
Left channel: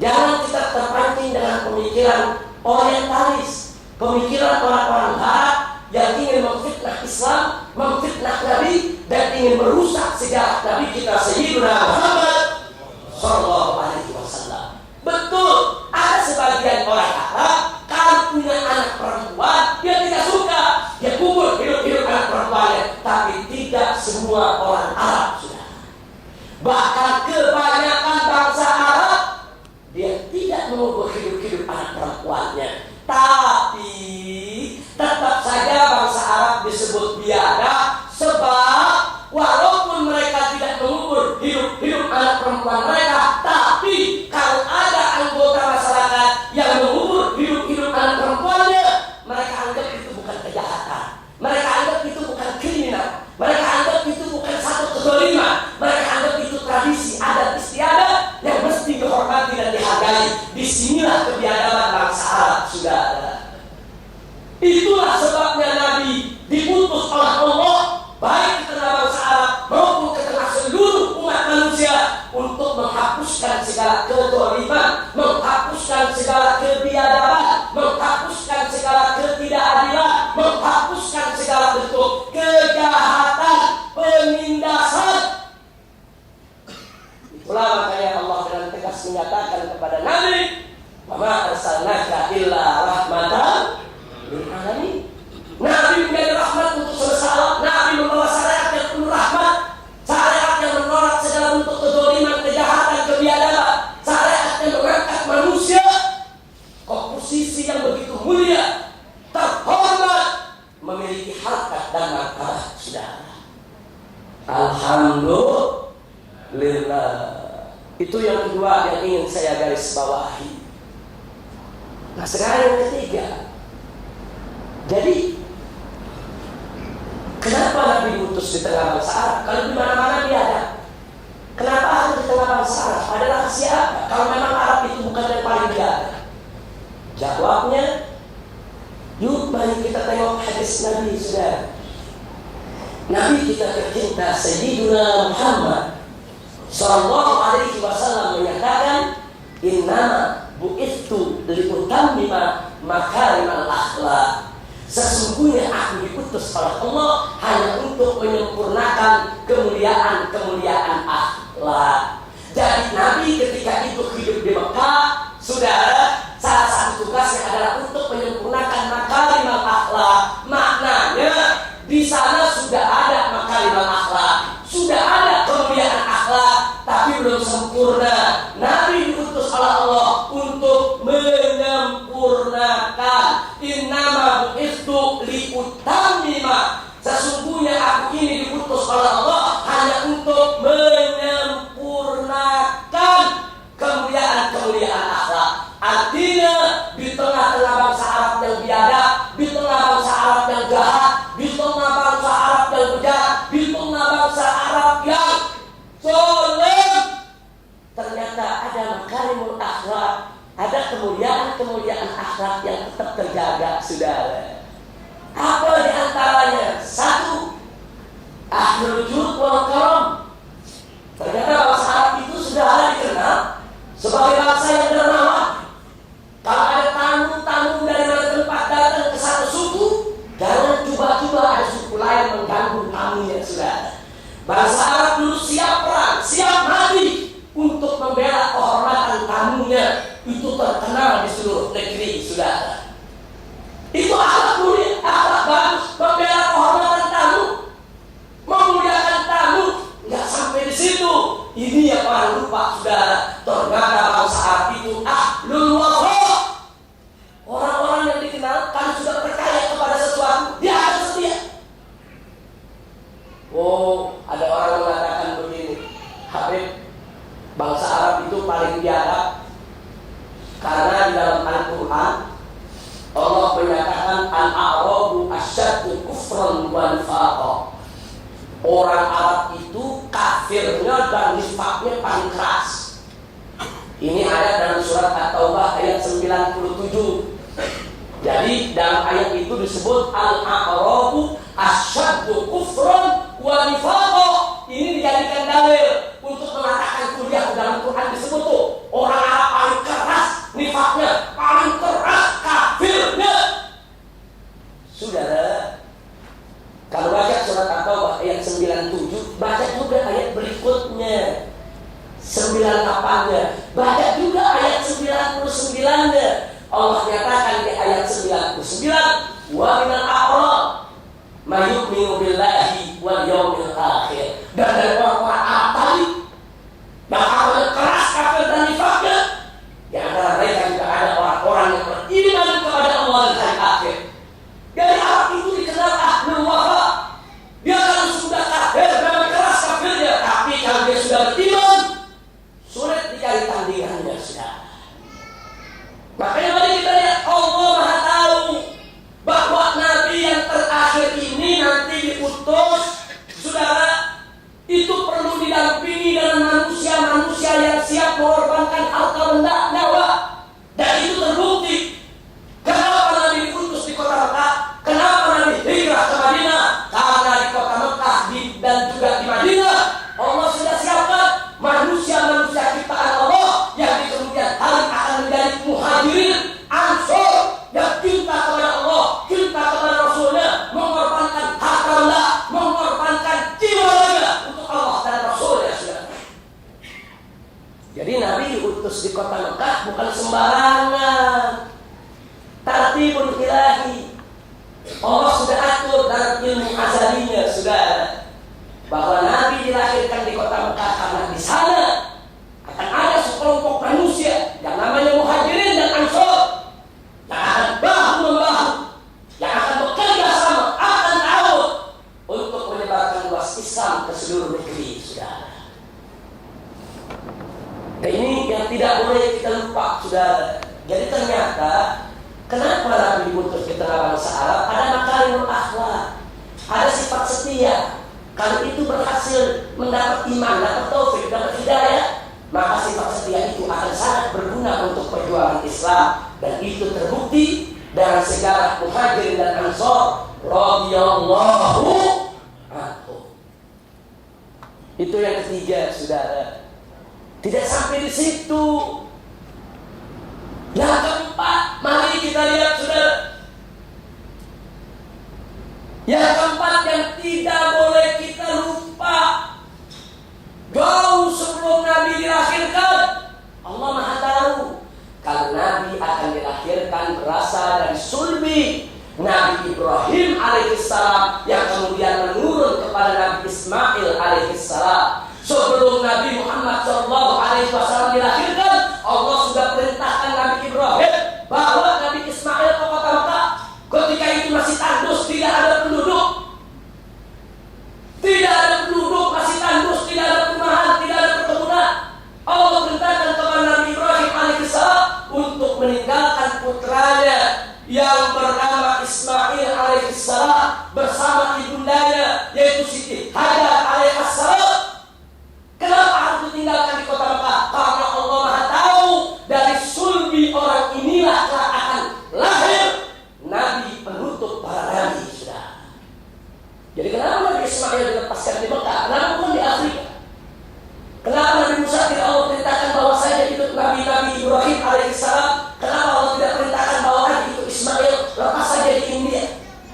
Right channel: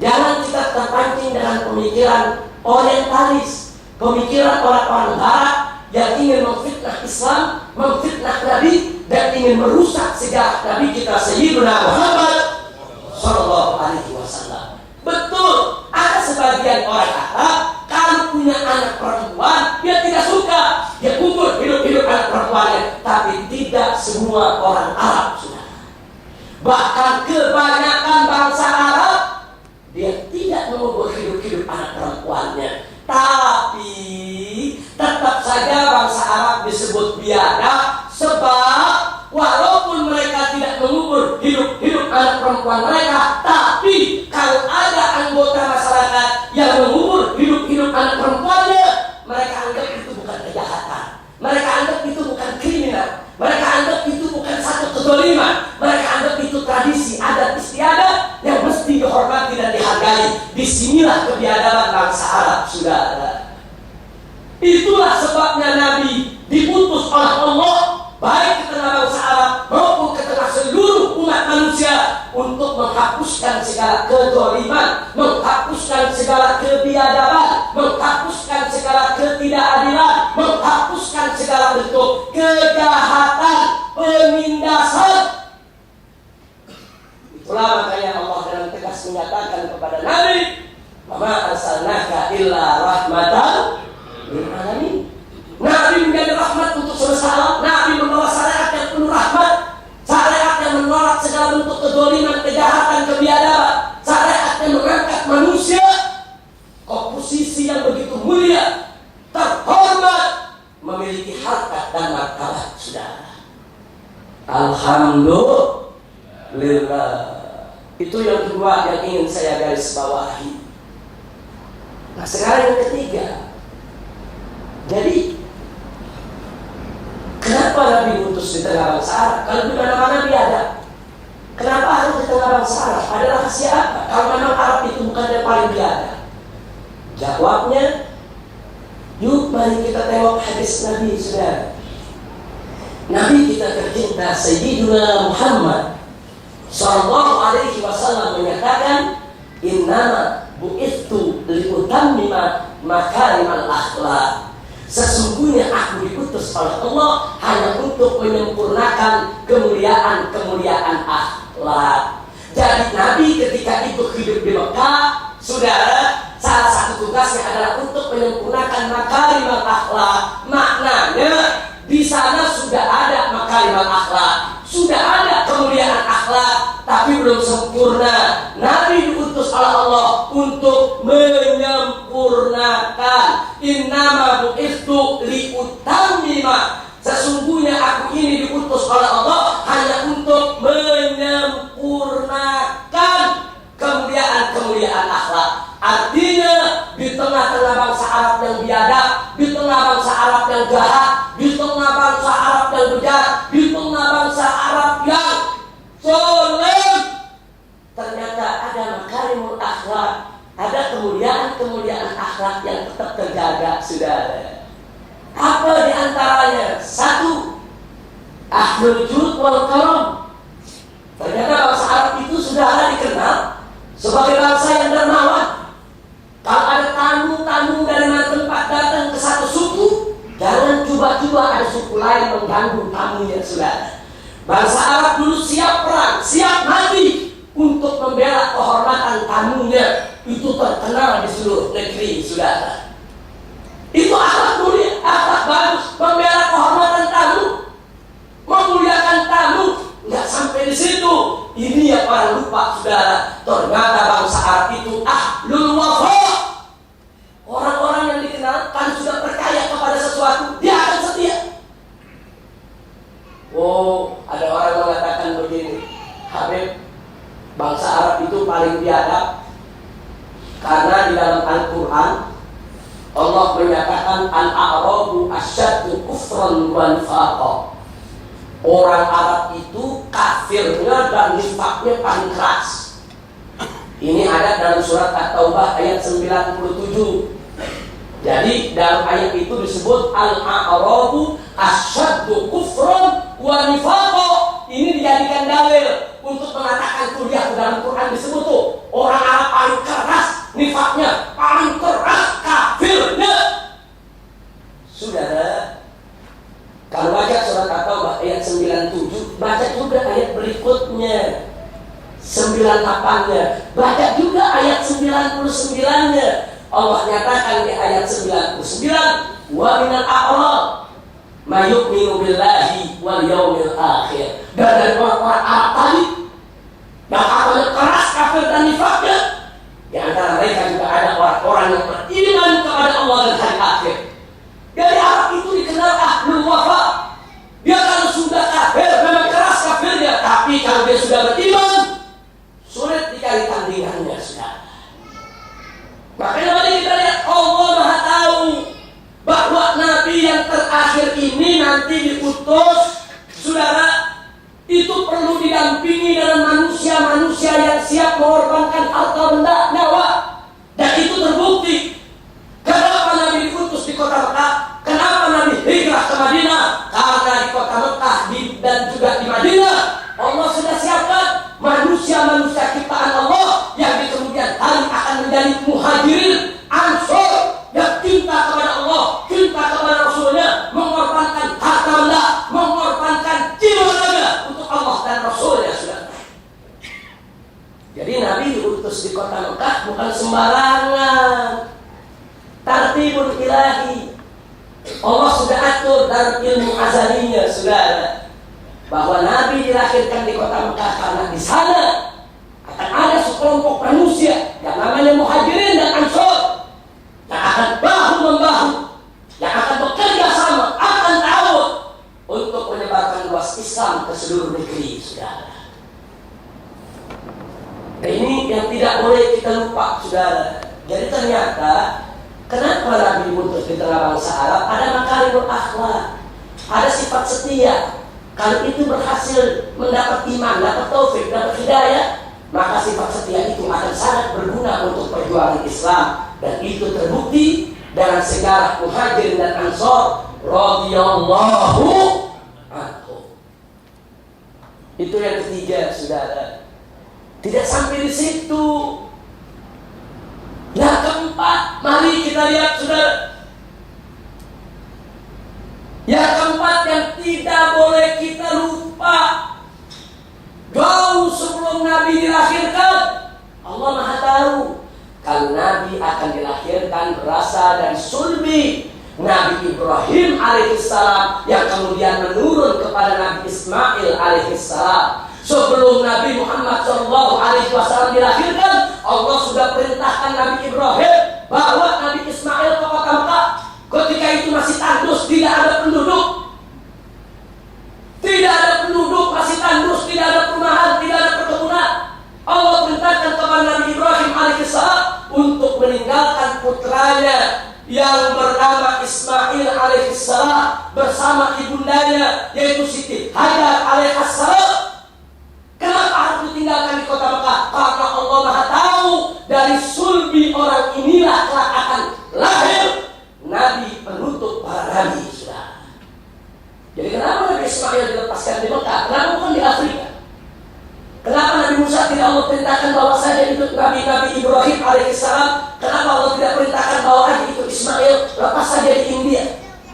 jangan kita terpancing dengan pemikiran orientalis, pemikiran orang-orang Barat yang ingin memfitnah Islam, memfitnah Nabi, dan ingin merusak sejarah Nabi kita Sayyidina Muhammad Sallallahu Alaihi Wasallam. Betul, ada sebagian orang Arab kalau punya anak perempuan dia tidak suka, dia kubur hidup-hidup anak perempuannya. Tapi tidak semua orang Arab, saudara. Bahkan kebanyakan bangsa Arab dia tidak mengubur hidup-hidup anak perempuannya. Tapi tetap saja bangsa Arab disebut biadab, sebab walaupun mereka tidak mengubur hidup-hidup anak perempuan mereka, tapi kalau ada anggota masyarakat yang mengubur hidup-hidup anak perempuannya, mereka anggap itu bukan kejahatan, mereka anggap itu bukan kriminal, mereka anggap itu bukan satu kezaliman, mereka anggap itu tradisi adat istiadat yang mesti dihormati dan dihargai. Disinilah kebiadaban bangsa Arab, saudara. Itulah sebabnya Nabi diputus oleh Allah baik ke tengah bangsa Arab maupun ke tengah seluruh umat manusia untuk untuk menghapuskan segala kezaliman, menghapuskan segala kebiadaban, menghapuskan segala ketidakadilan, menghapuskan segala bentuk kejahatan, penindasan. Itulah makanya Allah dengan tegas menyatakan kepada Nabi, "Wa ma arsalnaka illa rahmatan lil alamin." Nabi menjadi rahmat untuk semesta alam. Nabi membawa syariat yang penuh rahmat, syariat yang menolak segala bentuk kezaliman, kejahatan, kebiadaban, syariat yang mengangkat manusia ke posisi yang begitu mulia, terhormat, memiliki harkat dan martabat. Saudara, alhamdulillah. Itu yang kedua yang ingin saya garis bawahi. Nah, sekarang yang ketiga. Jadi kenapa Nabi utus di tengah bangsa Arab? Kalau di mana-mana biadab. Kenapa harus di tengah bangsa Arab? Ada rahasia apa? Kalau memang Arab itu bukan yang paling biadab. Jawabnya, yuk mari kita tengok hadis Nabi, saudara. Nabi kita tercinta Sayyidina Muhammad sallallahu alaihi wasallam menyatakan, "Innama bu'ithu liutammima makarimal akhlaq." Sesungguhnya aku diutus oleh Allah hanya untuk menyempurnakan kemuliaan-kemuliaan akhlak. Jadi Nabi ketika itu hidup di Mekah, saudara, salah satu tugasnya adalah untuk menyempurnakan makarimal akhlak. Maknanya di sana sudah ada makarimal akhlak, sudah ada kemuliaan akhlak, tapi belum sempurna. Nabi diutus oleh Allah untuk menyempurnakan. Innama bu'ithu liutammima. Sesungguhnya aku ini diutus oleh Allah hanya untuk menyempurnakan kemuliaan-kemuliaan akhlak. Artinya di tengah-tengah bangsa Arab yang biadab, di tengah bangsa Arab yang jahat, di tengah bangsa Arab yang bejat, di tengah bangsa Arab yang zalim, ternyata ada makarimul akhlak, ada kemuliaan-kemuliaan akhlak yang tetap terjaga, saudara. Apa di antaranya? Satu, ahlul jud wal karam. Ternyata bangsa Arab itu sudah dikenal sebagai bangsa yang dermawan. Kalau ada tamu-tamu dari mana tempat datang ke satu suku, jangan coba-coba ada suku lain mengganggu tamunya, saudara. Bangsa Arab dulu siap perang, siap mati untuk membela kehormatan tamunya. Itu terkenal di seluruh negeri, saudara. Itu akhlak mulia, akhlak bagus, membela kehormatan tamu, memuliakan tamu. Nggak sampai di situ. Ini yang orang lupa, saudara. Ternyata bangsa Arab itu ahlul wafa. Orang-orang yang dikenal kan sudah percaya kepada sesuatu, dia akan setia. Oh, ada orang mengatakan begini, Habib, bangsa Arab itu paling biadab karena di dalam Al-Quran Allah menyatakan al-a'rabu asyaddu kufran wa nifaqan. Orang Arab itu kafirnya dan nifaknya paling keras. Ini ada dalam surat At-Taubah ayat 97. Jadi dalam ayat itu disebut al-a'rabu asyaddu kufran wa nifaqan. Ini dijadikan dalil untuk mengatakan kuliah dalam Quran disebut tuh orang Arab paling keras nifaknya, paling keras kafirnya. Saudara, kalau baca surat At-Taubah ayat 97, baca juga ayat berikutnya 98-nya, baca juga ayat 99-nya. Allah nyatakan di ayat 99, wa minal a'rab may yu'minu billahi wal yawmil akhir. Dan dari orang-orang Arab tadi yang akalnya keras kafir dan nifaknya, di antara mereka juga ada orang-orang yang beriman kepada Allah dan hari akhir. Dari Arab itu dikenal ahlul wafa. Dia kalau sudah kafir memang keras kafirnya, tapi kalau dia sudah beriman sulit dicari tandingannya, saudara. Makanya mari kita lihat, Allah Maha tahu bahwa Nabi yang terakhir ini nanti diutus, saudara, itu perlu didampingi dengan manusia-manusia yang manusia ciptaan Allah yang di kemudian hari akan menjadi muhajirin, ansor, yang cinta kepada Allah, cinta kepada Rasulnya, mengorbankan harta benda, mengorbankan jiwa raga untuk Allah dan Rasulnya. Sudah. Jadi Nabi diutus di kota Mekah bukan sembarangan. Tartibun ilahi. Allah sudah atur dalam ilmu azalinya, saudara, bahwa Nabi dilahirkan di kota Mekah karena di sana akan ada sekelompok manusia yang namanya muhajirin dan ansor yang akan bahu-membahu, yang akan bekerja sama, akan ta'awun untuk menyebarkan luas Islam ke seluruh negeri, saudara. Nah, ini yang tidak boleh kita lupa, saudara. Jadi ternyata kenapa Nabi diutus di tengah bangsa Arab? Ada makarimul akhlak, ada sifat setia. Kalau itu berhasil mendapat iman, dapat taufik, dapat hidayah, maka sifat setia itu akan sangat berguna untuk perjuangan Islam. Dan itu terbukti dengan segala muhajirin dan ansor radhiyallahu anhum. Itu yang ketiga, saudara. Tidak sampai di situ. Yang keempat, mari kita lihat, saudara. Yang keempat yang tidak boleh kita lupa, jauh sebelum Nabi dilahirkan, Allah Maha tahu kalau Nabi akan dilahirkan berasal dari sulbi Nabi Ibrahim alaihissalam yang kemudian menurun kepada Nabi Ismail alaihissalam. Sebelum Nabi Muhammad SAW dilahirkan, Allah sudah perintahkan Nabi Ibrahim bawa Nabi Ismail ke kota Mekah. Ketika itu masih tandus, tidak ada penduduk. Tidak ada penduduk, masih tandus, tidak ada perumahan, tidak ada perkebunan. Allah perintahkan kepada Nabi Ibrahim alaihissalam untuk meninggalkan putranya yang bernama Ismail alaihissalam bersama ibundanya yaitu Siti Hajar alaihissalam. Kenapa harus ditinggalkan di kota Mekah? Karena Allah Maha tahu dari sulbi orang inilah kelak akan lahir Nabi penutup para nabi, sudah. Jadi kenapa Nabi Ismail dilepaskan di Mekah? Kenapa bukan di Afrika? Kenapa Nabi Musa tidak Allah perintahkan bawa saja itu Nabi Ibrahim alaihissalam? Kenapa Allah tidak perintahkan bawa aja itu Ismail, lepas saja di India,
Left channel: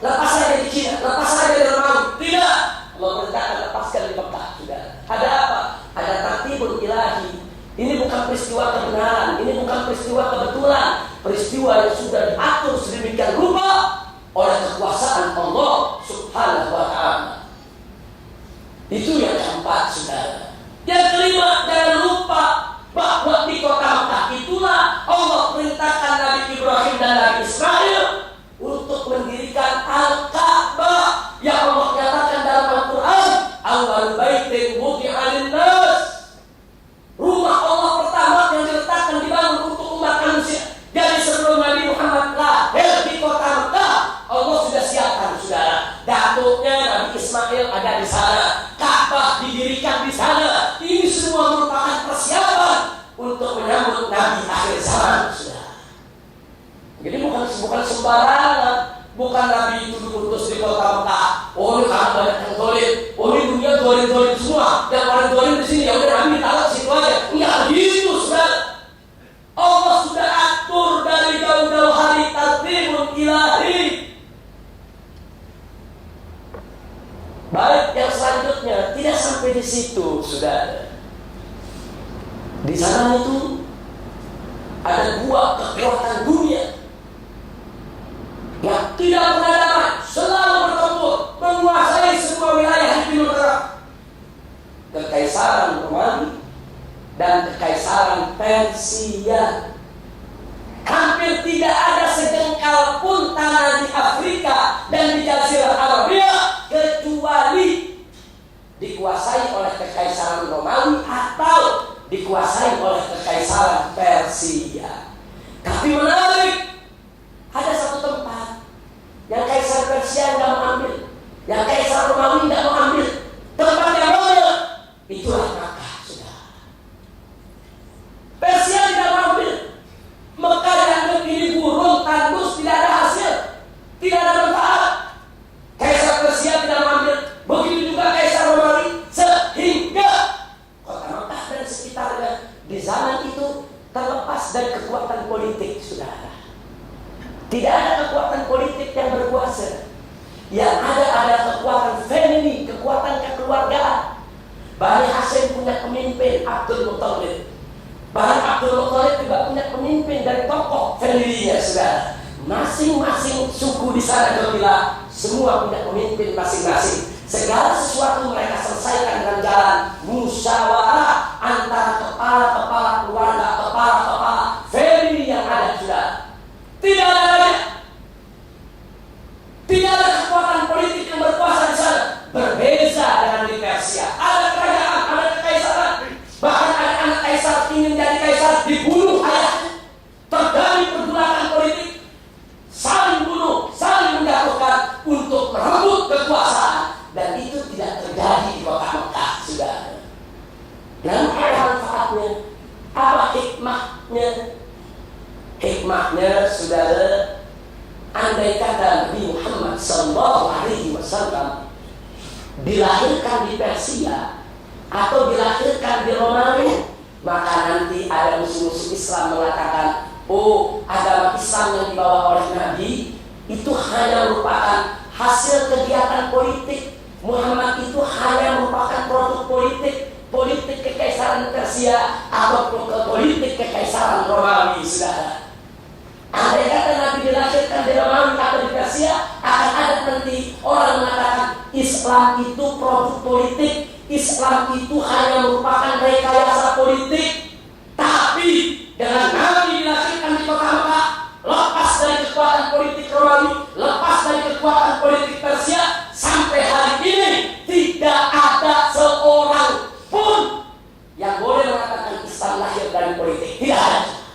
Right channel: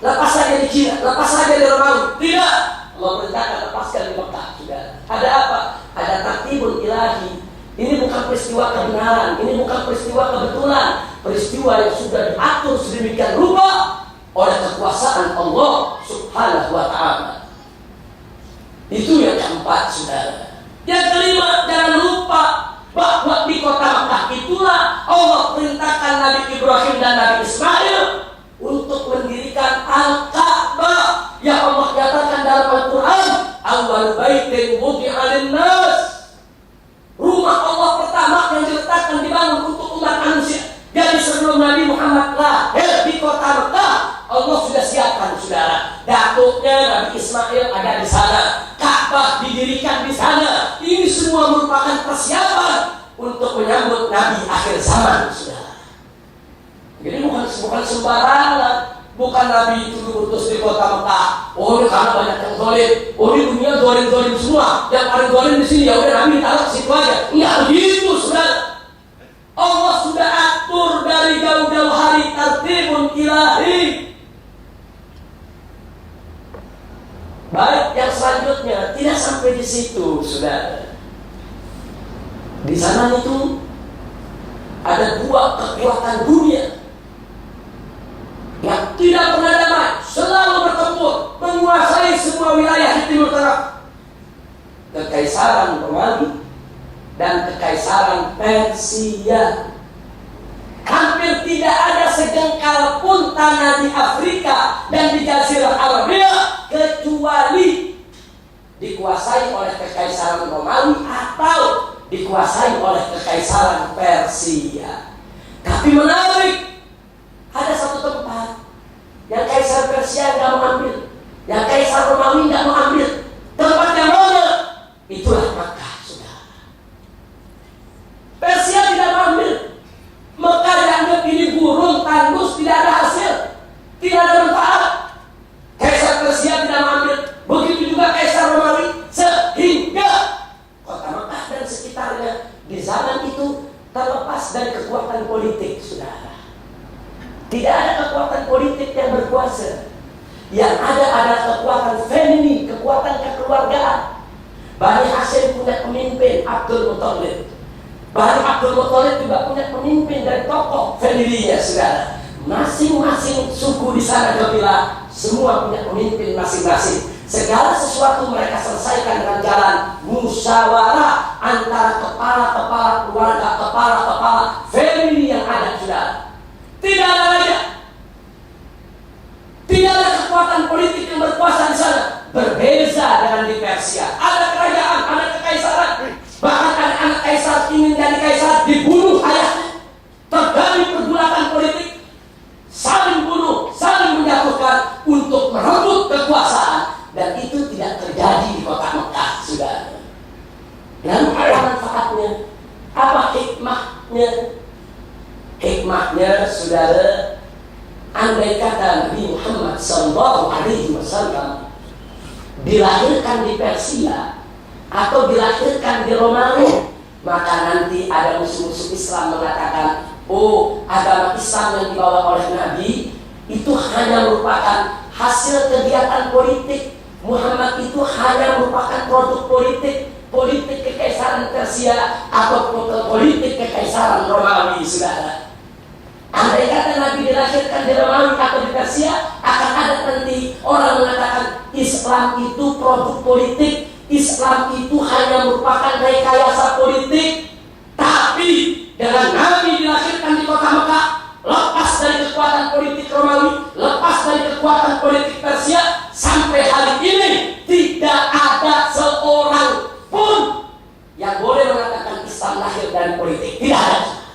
lepas saja di Cina, lepas saja di Romawi? Tidak. Allah perintahkan lepaskan di Mekah, sudah. Ada apa? Ada tartibun ilahi. Ini bukan peristiwa kebenaran, ini bukan peristiwa kebetulan, peristiwa yang sudah diatur sedemikian rupa oleh kekuasaan Allah Subhanahu wa ta'ala. Itu yang keempat, saudara. Yang kelima, jangan lupa bahwa di kota Mekah itulah Allah perintahkan Nabi Ibrahim dan Nabi Ismail untuk mendirikan Al-Ka'bah yang Allah katakan dalam Al-Quran, awwal baitin wudi'a lin-nas. Rumah Allah pertama yang diletakkan dibangun untuk umat manusia. Jadi sebelum Nabi Muhammad lahir di kota Mekah, Allah sudah siapkan, saudara. Datuknya Nabi Ismail ada di sana, Ka'bah didirikan di sana. Ini semua merupakan persiapan untuk menyambut Nabi akhir zaman, saudara. Jadi bukan sembarangan. Bukan Nabi itu diutus di kota Mekah. Oh, ini karena banyak yang zalim. Oh, ini dunia zalim semua. Yang paling zalim di sini, ya udah Nabi taruh situ aja. Enggak begitu, saudara. Allah sudah atur dari jauh-jauh hari, tartibun ilahi. Baik, yang selanjutnya tidak sampai di situ, saudara. Di sana itu ada dua kekuatan dunia yang tidak pernah damai, selalu bertempur, menguasai semua wilayah di Timur Tengah. Kekaisaran Romawi dan Kekaisaran Persia. Hampir tidak ada sejengkal pun tanah di Afrika dan di Jazirah Arabia kecuali dikuasai oleh Kekaisaran Romawi atau dikuasai oleh Kekaisaran Persia. Tapi menarik, ada satu tempat yang Kaisar Persia nggak mau ambil, yang Kaisar Romawi nggak mau ambil. Tempat yang mana? Itulah Mekah, sudah. Persia tidak mau ambil. Mekah dianggap ini gurun, tandus, tidak ada hasil, tidak ada manfaat. Kaisar Persia tidak mau ambil. Begitu juga Kaisar Romawi, sehingga kota Mekah dan sekitarnya di zaman itu terlepas dari kekuatan politik, saudara. Tidak ada kekuatan politik yang berkuasa. Yang ada adalah kekuatan family, kekuatan kekeluargaan. Bani Hashim punya pemimpin Abdul Muthalib. Bani Abdul Muthalib juga punya pemimpin dari tokoh family-nya, saudara. Masing-masing suku di sana kabilah semua punya pemimpin masing-masing. Segala sesuatu mereka selesaikan dengan jalan musyawarah antara kepala-kepala keluarga, kepala-kepala family yang ada, saudara. Tidak ada raja, tidak ada kekuatan politik yang berkuasa di sana. Berbeza dengan di Persia, ada kerajaan, ada kekaisaran. Bahkan ada anak kaisar ingin jadi kaisar, dibunuh ayahnya. Terjadi pergulakan politik, saling bunuh, saling menjatuhkan untuk merebut kekuasaan. Dan itu tidak terjadi di kota Mekah, saudara. Lalu apa manfaatnya? Apa hikmahnya? Hikmahnya, saudara, andai kata Nabi Muhammad SAW dilahirkan di Persia atau dilahirkan di Romawi, maka nanti ada musuh-musuh Islam mengatakan, oh, agama Islam yang dibawa oleh Nabi itu hanya merupakan hasil kegiatan politik. Muhammad itu hanya merupakan produk politik, politik kekaisaran Persia atau politik kekaisaran Romawi, saudara. Andai kata Nabi dilahirkan di Romawi atau di Persia, akan ada nanti orang mengatakan Islam itu produk politik, Islam itu hanya merupakan rekayasa politik. Tapi dengan Nabi dilahirkan di kota Mekah, lepas dari kekuatan politik Romawi, lepas dari kekuatan politik Persia, sampai hari ini tidak ada seorang pun yang boleh mengatakan Islam lahir dari politik. Tidak ada.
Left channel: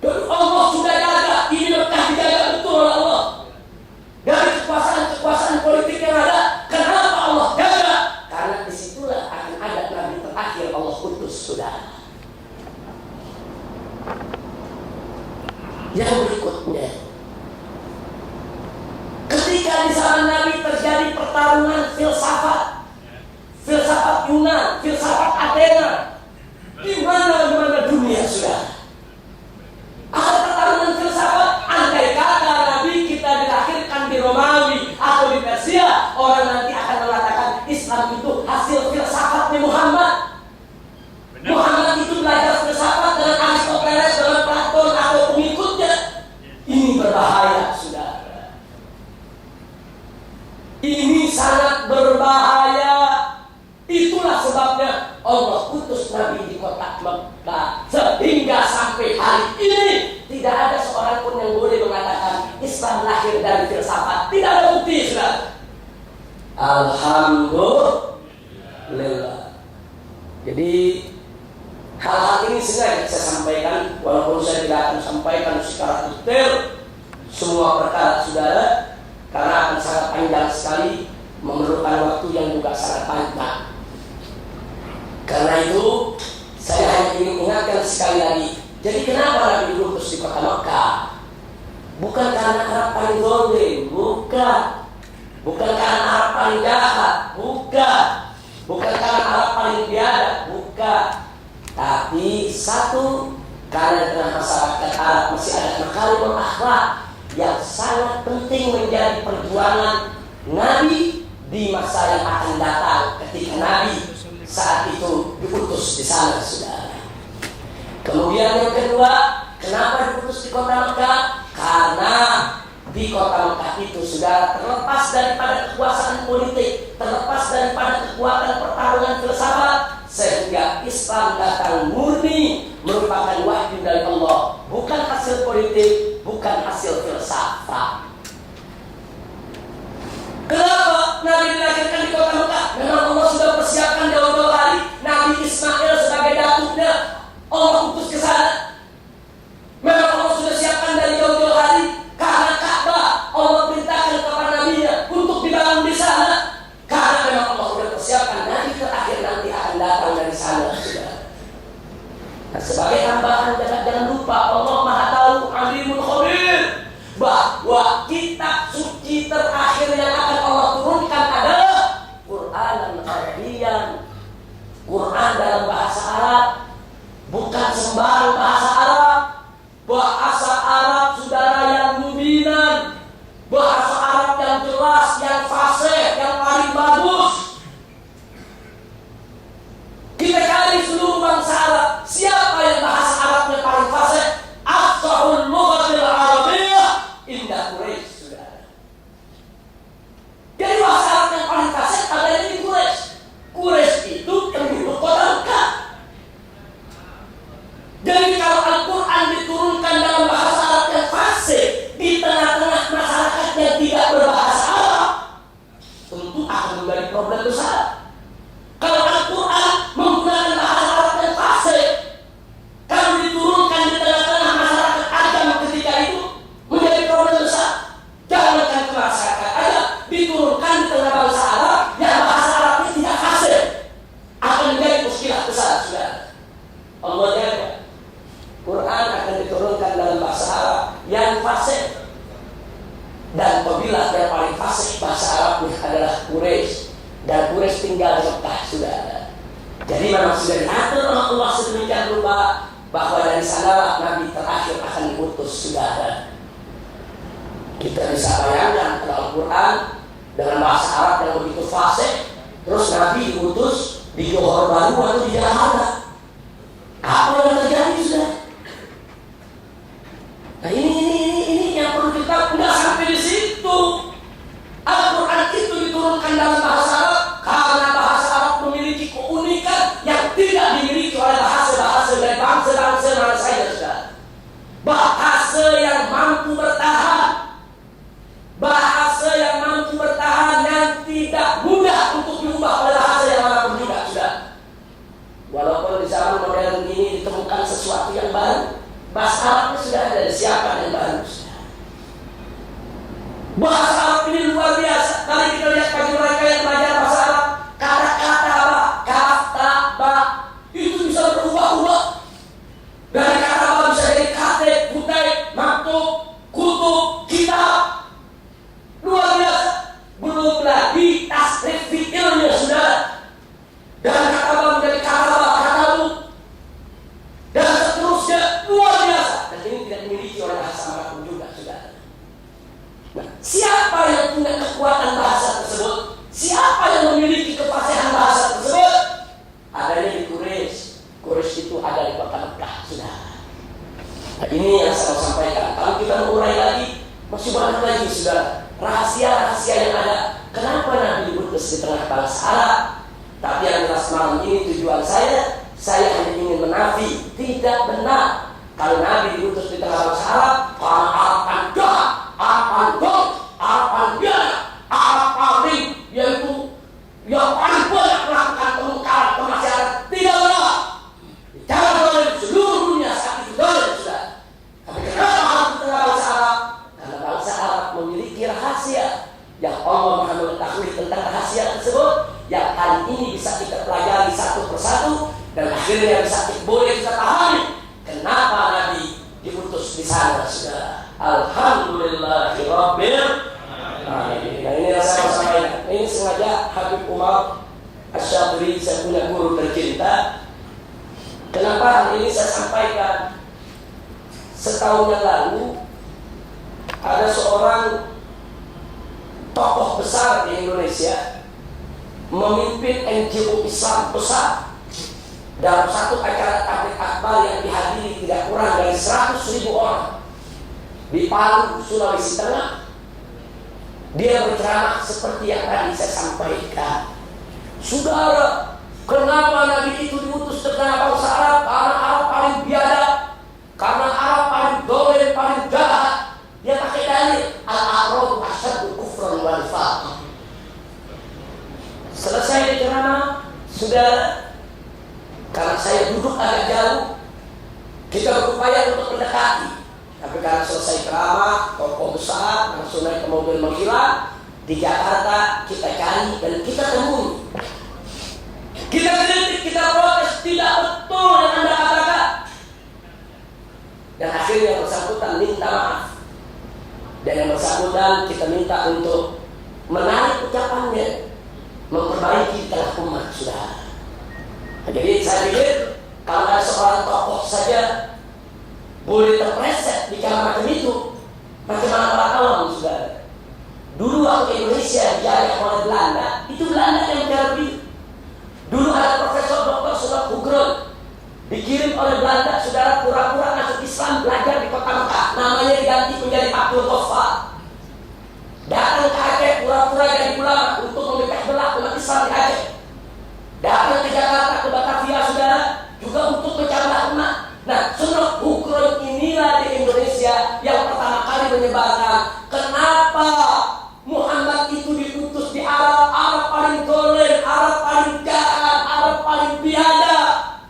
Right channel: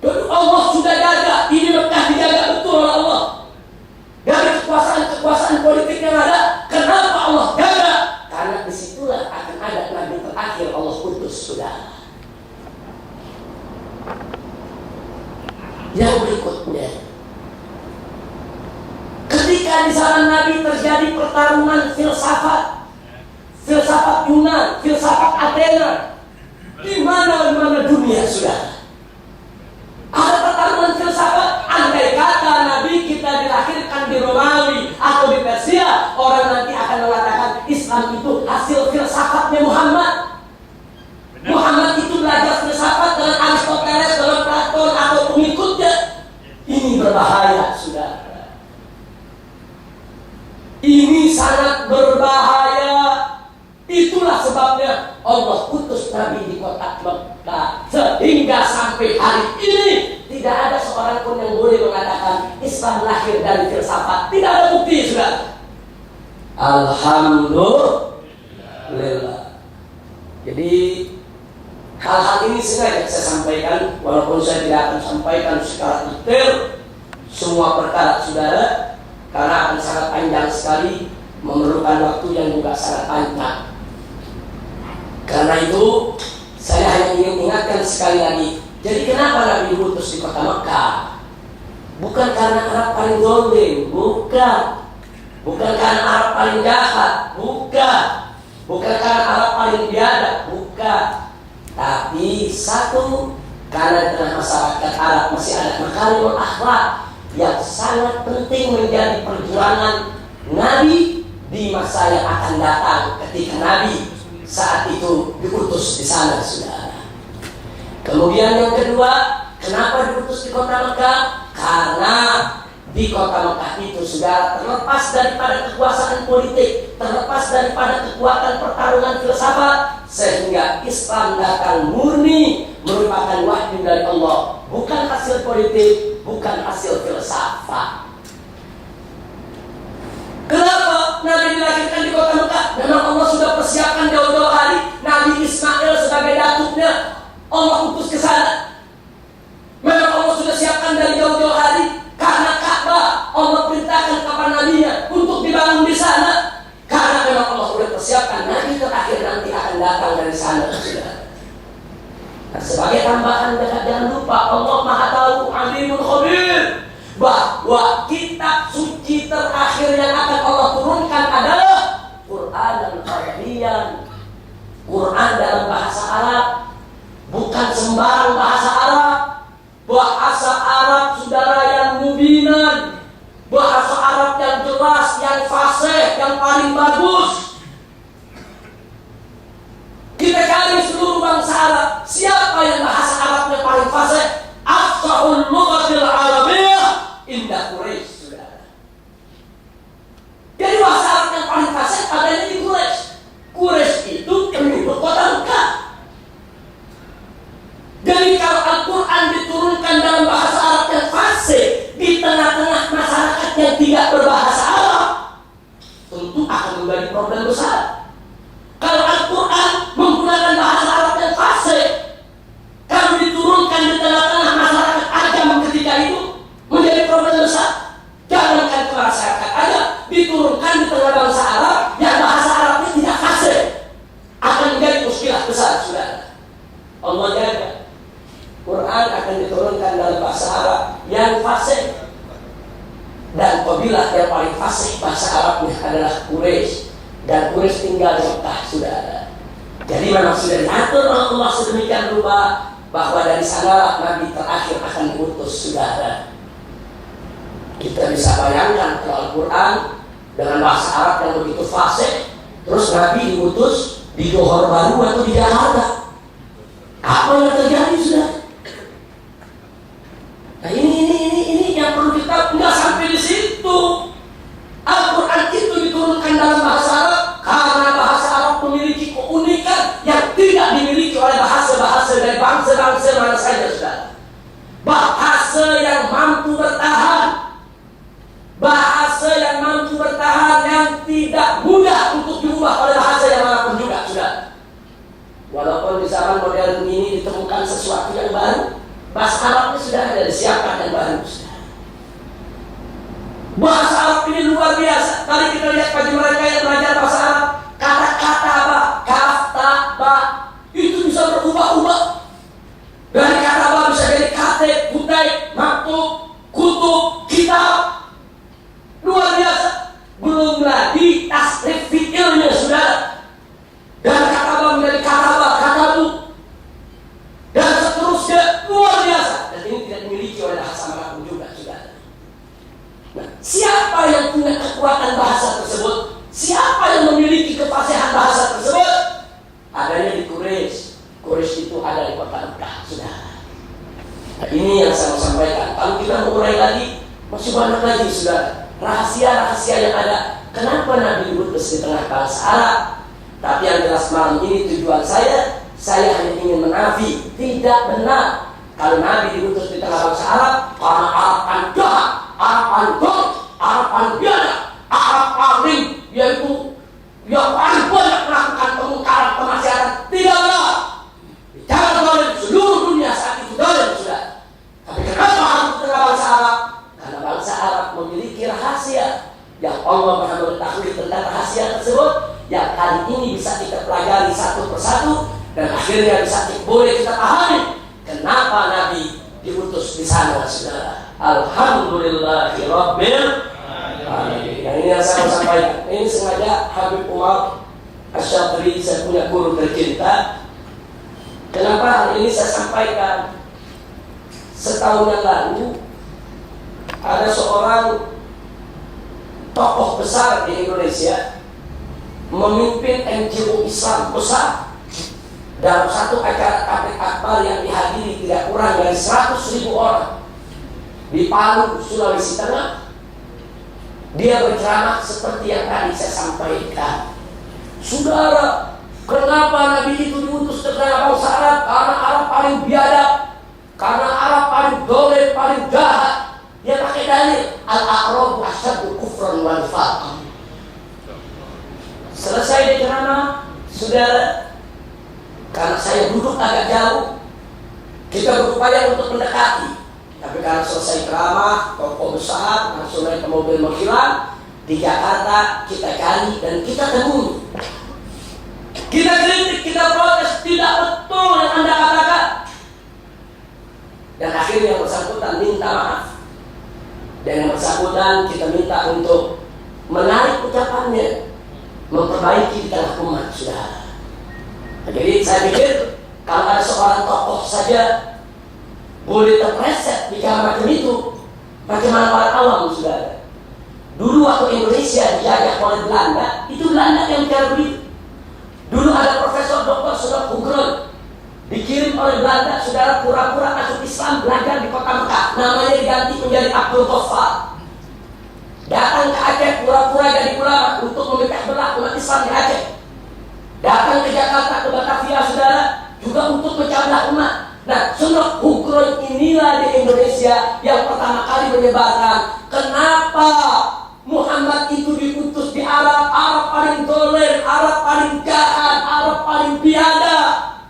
Dan Allah sudah jaga, ini Mekah dijaga betul oleh Allah. Dari kekuasaan politik yang ada, kenapa Allah jaga? Karena disitulah akan ada Nabi terakhir Allah utus, saudara. Yang berikutnya, ketika di zaman Nabi terjadi pertarungan filsafat Yunan, filsafat Athena, di mana dunia, sudah ada pertarungan filsafat. Andai kata Nabi kita dilahirkan di Romawi atau di Persia, orang nanti akan mengatakan Islam itu hasil filsafatnya Muhammad. Muhammad itu belajar filsafat dengan Aristoteles, dengan Platon atau pengikutnya. Ini berbahaya, saudara. Ini sangat berbahaya. Itulah sebabnya Allah utus Nabi di kota Mekah, sehingga sampai hari ini tidak ada seorang pun yang boleh mengatakan Islam lahir dari filsafat. Tidak ada bukti, saudara. Alhamdulillah. Jadi hal-hal ini sengaja saya sampaikan, walaupun saya tidak akan sampaikan secara detail semua perkara, saudara, karena akan sangat panjang sekali, memerlukan waktu yang juga sangat panjang. Karena itu saya hanya ingin ingatkan sekali lagi. Jadi kenapa Nabi diutus di kota Mekah? Bukan karena Arab paling zalim, bukan. Bukan karena Arab paling jahat, bukan. Bukan karena Arab paling biadab, bukan. Tapi satu, karena dengan masyarakat Arab masih ada makarimul akhlak yang sangat penting menjadi perjuangan Nabi di masa yang akan datang ketika Nabi saat itu diutus di sana, saudara. Kemudian yang kedua, kenapa diutus di kota Mekah? Karena di kota Mekah itu, saudara, terlepas daripada kekuasaan politik, terlepas daripada kekuatan pertarungan filsafat, sehingga Islam datang murni merupakan wahyu dari Allah, bukan hasil politik, bukan hasil filsafat. Kenapa Nabi dilahirkan di kota Mekah? Memang Allah sudah persiapkan jauh-jauh hari. Nabi Ismail sebagai datuknya Allah utus ke sana. Memang Allah sudah siapkan dari jauh-jauh hari. Karena Ka'bah Allah perintahkan kepada Nabi-Nya untuk dibangun di sana. Karena memang Allah sudah persiapkan Nabi terakhir nanti akan datang dari sana, saudara. Nah, sebagai tambahan, jangan lupa Allah Maha Tahu, Alimul Khabir, bahwa kitab suci terakhir yang akan Allah turunkan adalah Quran dan Arabian, Quran dalam bahasa Arab, bukan sembarang bahasa Arab. Bahasa Arab saudara yang mubinan, bahasa Arab yang jelas, yang fasih, yang paling bagus. Kita cari seluruh bangsa Arab, siapa yang bahasa Arabnya paling fasih? Afsahul lughatil arabiyyah inda Quraisy, saudara. Jadi bahasa Arab yang paling fasih adanya di Quraisy. Quraisy itu penduduk kota Mekah. Jadi kalau Al-Quran diturunkan dalam bahasa Arab yang fasih di tengah-tengah masyarakat yang tidak berbahasa Arab, tentu akan menjadi problem besar. Kalau Al-Quran menggunakan bahasa Arab yang fasih, kalau diturunkan di tengah-tengah masyarakat ajam ketika itu, menjadi problem besar. Jangankan ke masyarakat ajam, diturunkan di tengah bangsa Arab yang bahasa Arabnya tidak fasih, akan menjadi muskilah besar, saudara. Allah jaga. Quran akan diturunkan dalam bahasa Arab yang fasih, dan kabilah yang paling fasih bahasa Arabnya adalah Quraisy, dan Quraisy tinggal di Mekah, saudara. Jadi memang sudah diatur oleh Allah sedemikian rupa bahwa dari sanalah Nabi terakhir akan diutus, saudara. Kita bisa bayangkan kalau Al-Quran dengan bahasa Arab yang begitu fasih, terus Nabi diutus di Johor Baru atau di Jakarta, apa yang terjadi, saudara? Nah ini yang perlu kita, nggak sampai di situ. Al-Quran itu diturunkan dalam bahasa Arab karena bahasa Arab memiliki keunikan yang tidak dimiliki oleh bahasa-bahasa dari bangsa-bangsa mana saja, saudara. Bahasa yang mampu bertahan, bahasa yang mampu bertahan, yang tidak mudah untuk diubah oleh bahasa yang manapun juga, saudara. Walaupun di zaman modern ini ditemukan sesuatu yang baru, bahasa Arabnya sudah ada disiapkan yang baru. Bahasa Arab ini luar biasa. Tadi kita lihat bagi mereka yang belajar bahasa Arab, kata-kata apa? Kata ba itu bisa berubah-ubah. Dari kata ba bisa jadi katib, kutai, maktub, kutub, kitab. Luar biasa. Belum lagi tasrif fi'ilnya, saudara. Dan kata ba menjadi kata ba, kata bu, dan seterusnya, luar biasa. Dan ini tidak dimiliki oleh bahasa manapun juga, saudara. Nah, siapa yang punya kekuatan bahasa tersebut? Siapa yang memiliki kefasihan bahasa tersebut? Adanya di Quraisy. Quraisy itu ada di kota Mekah, saudara. Nah, ini yang saya mau sampaikan. Kalau kita mulai lagi, masih banyak lagi, saudara, rahasia-rahasia yang ada. Kenapa Nabi diutus di tengah bangsa Arab? Tapi yang jelas malam ini tujuan saya hanya ingin menafi, tidak benar kalau Nabi diutus di tengah bangsa Arab karena Arab kan jahat, Arab kan dong, Arab kan biadab, Arab paling yaitu yang paling banyak melakukan pemungkaran, kemaksiatan. Tidak benar. Bicara dolim seluruh dunia saat itu dolim, sudah. Tapi kenapa harus di tengah bangsa Arab? Karena bangsa Arab memiliki rahasia yang Allah Maha mengetahui tentang rahasia tersebut, yang kali ini bisa kita pelajari satu persatu, dan akhirnya boleh kita pahami kenapa Nabi diutus di sana, saudara. Alhamdulillahirabbil alamin. Nah, ini yang saya mau sampaikan. Ini sengaja Habib Umar Asy-Syadhili, saya punya guru tercinta. Kenapa hal ini saya sampaikan? Setahun yang lalu ada seorang tokoh besar di Indonesia memimpin NGO Islam besar dalam satu acara tabligh akbar yang dihadiri tidak kurang dari 100.000 orang di Palu, Sulawesi Tengah. Dia berceramah seperti yang tadi saya sampaikan. Saudara, kenapa Nabi itu diutus ke tengah bangsa Arab? Karena Arab paling biadab, karena Arab paling dolim, paling jahat. Dia pakai dalil al-a'rabu asyaddu kufran wa nifaq. Selesai dia ceramah, saudara, karena saya duduk agak jauh, kita berupaya untuk mendekati. Tapi karena selesai ceramah, tokoh besar langsung naik ke mobil menghilang. Di Jakarta kita cari dan kita temui. Kita kritik, kita protes, tidak betul yang Anda katakan. Dan akhirnya yang bersangkutan minta maaf. Dan yang bersangkutan kita minta untuk menarik ucapannya, memperbaiki di tengah umat, saudara. Nah, jadi saya pikir kalau ada seorang tokoh saja boleh terpreset bicara macam itu. Bagaimana orang awam, saudara? Dulu waktu Indonesia dijajah oleh Belanda, itu Belanda yang bicara begitu. Dulu ada Profesor Dr. Sunop Hugron, dikirim oleh Belanda, saudara, pura-pura masuk Islam, belajar di kota Mekah. Namanya diganti menjadi Abdul Ghaffar. Datang ke Aceh, pura-pura jadi ulama untuk memecah belah umat Islam di Aceh. Datang ke Jakarta, ke Batavia, saudara, juga untuk memecah belah umat. Nah, Sunop Hugron inilah di Indonesia yang pertama kali menyebarkan kenapa Muhammad itu diutus di Arab. Arab paling dolen, Arab paling jahat, Arab paling biadab.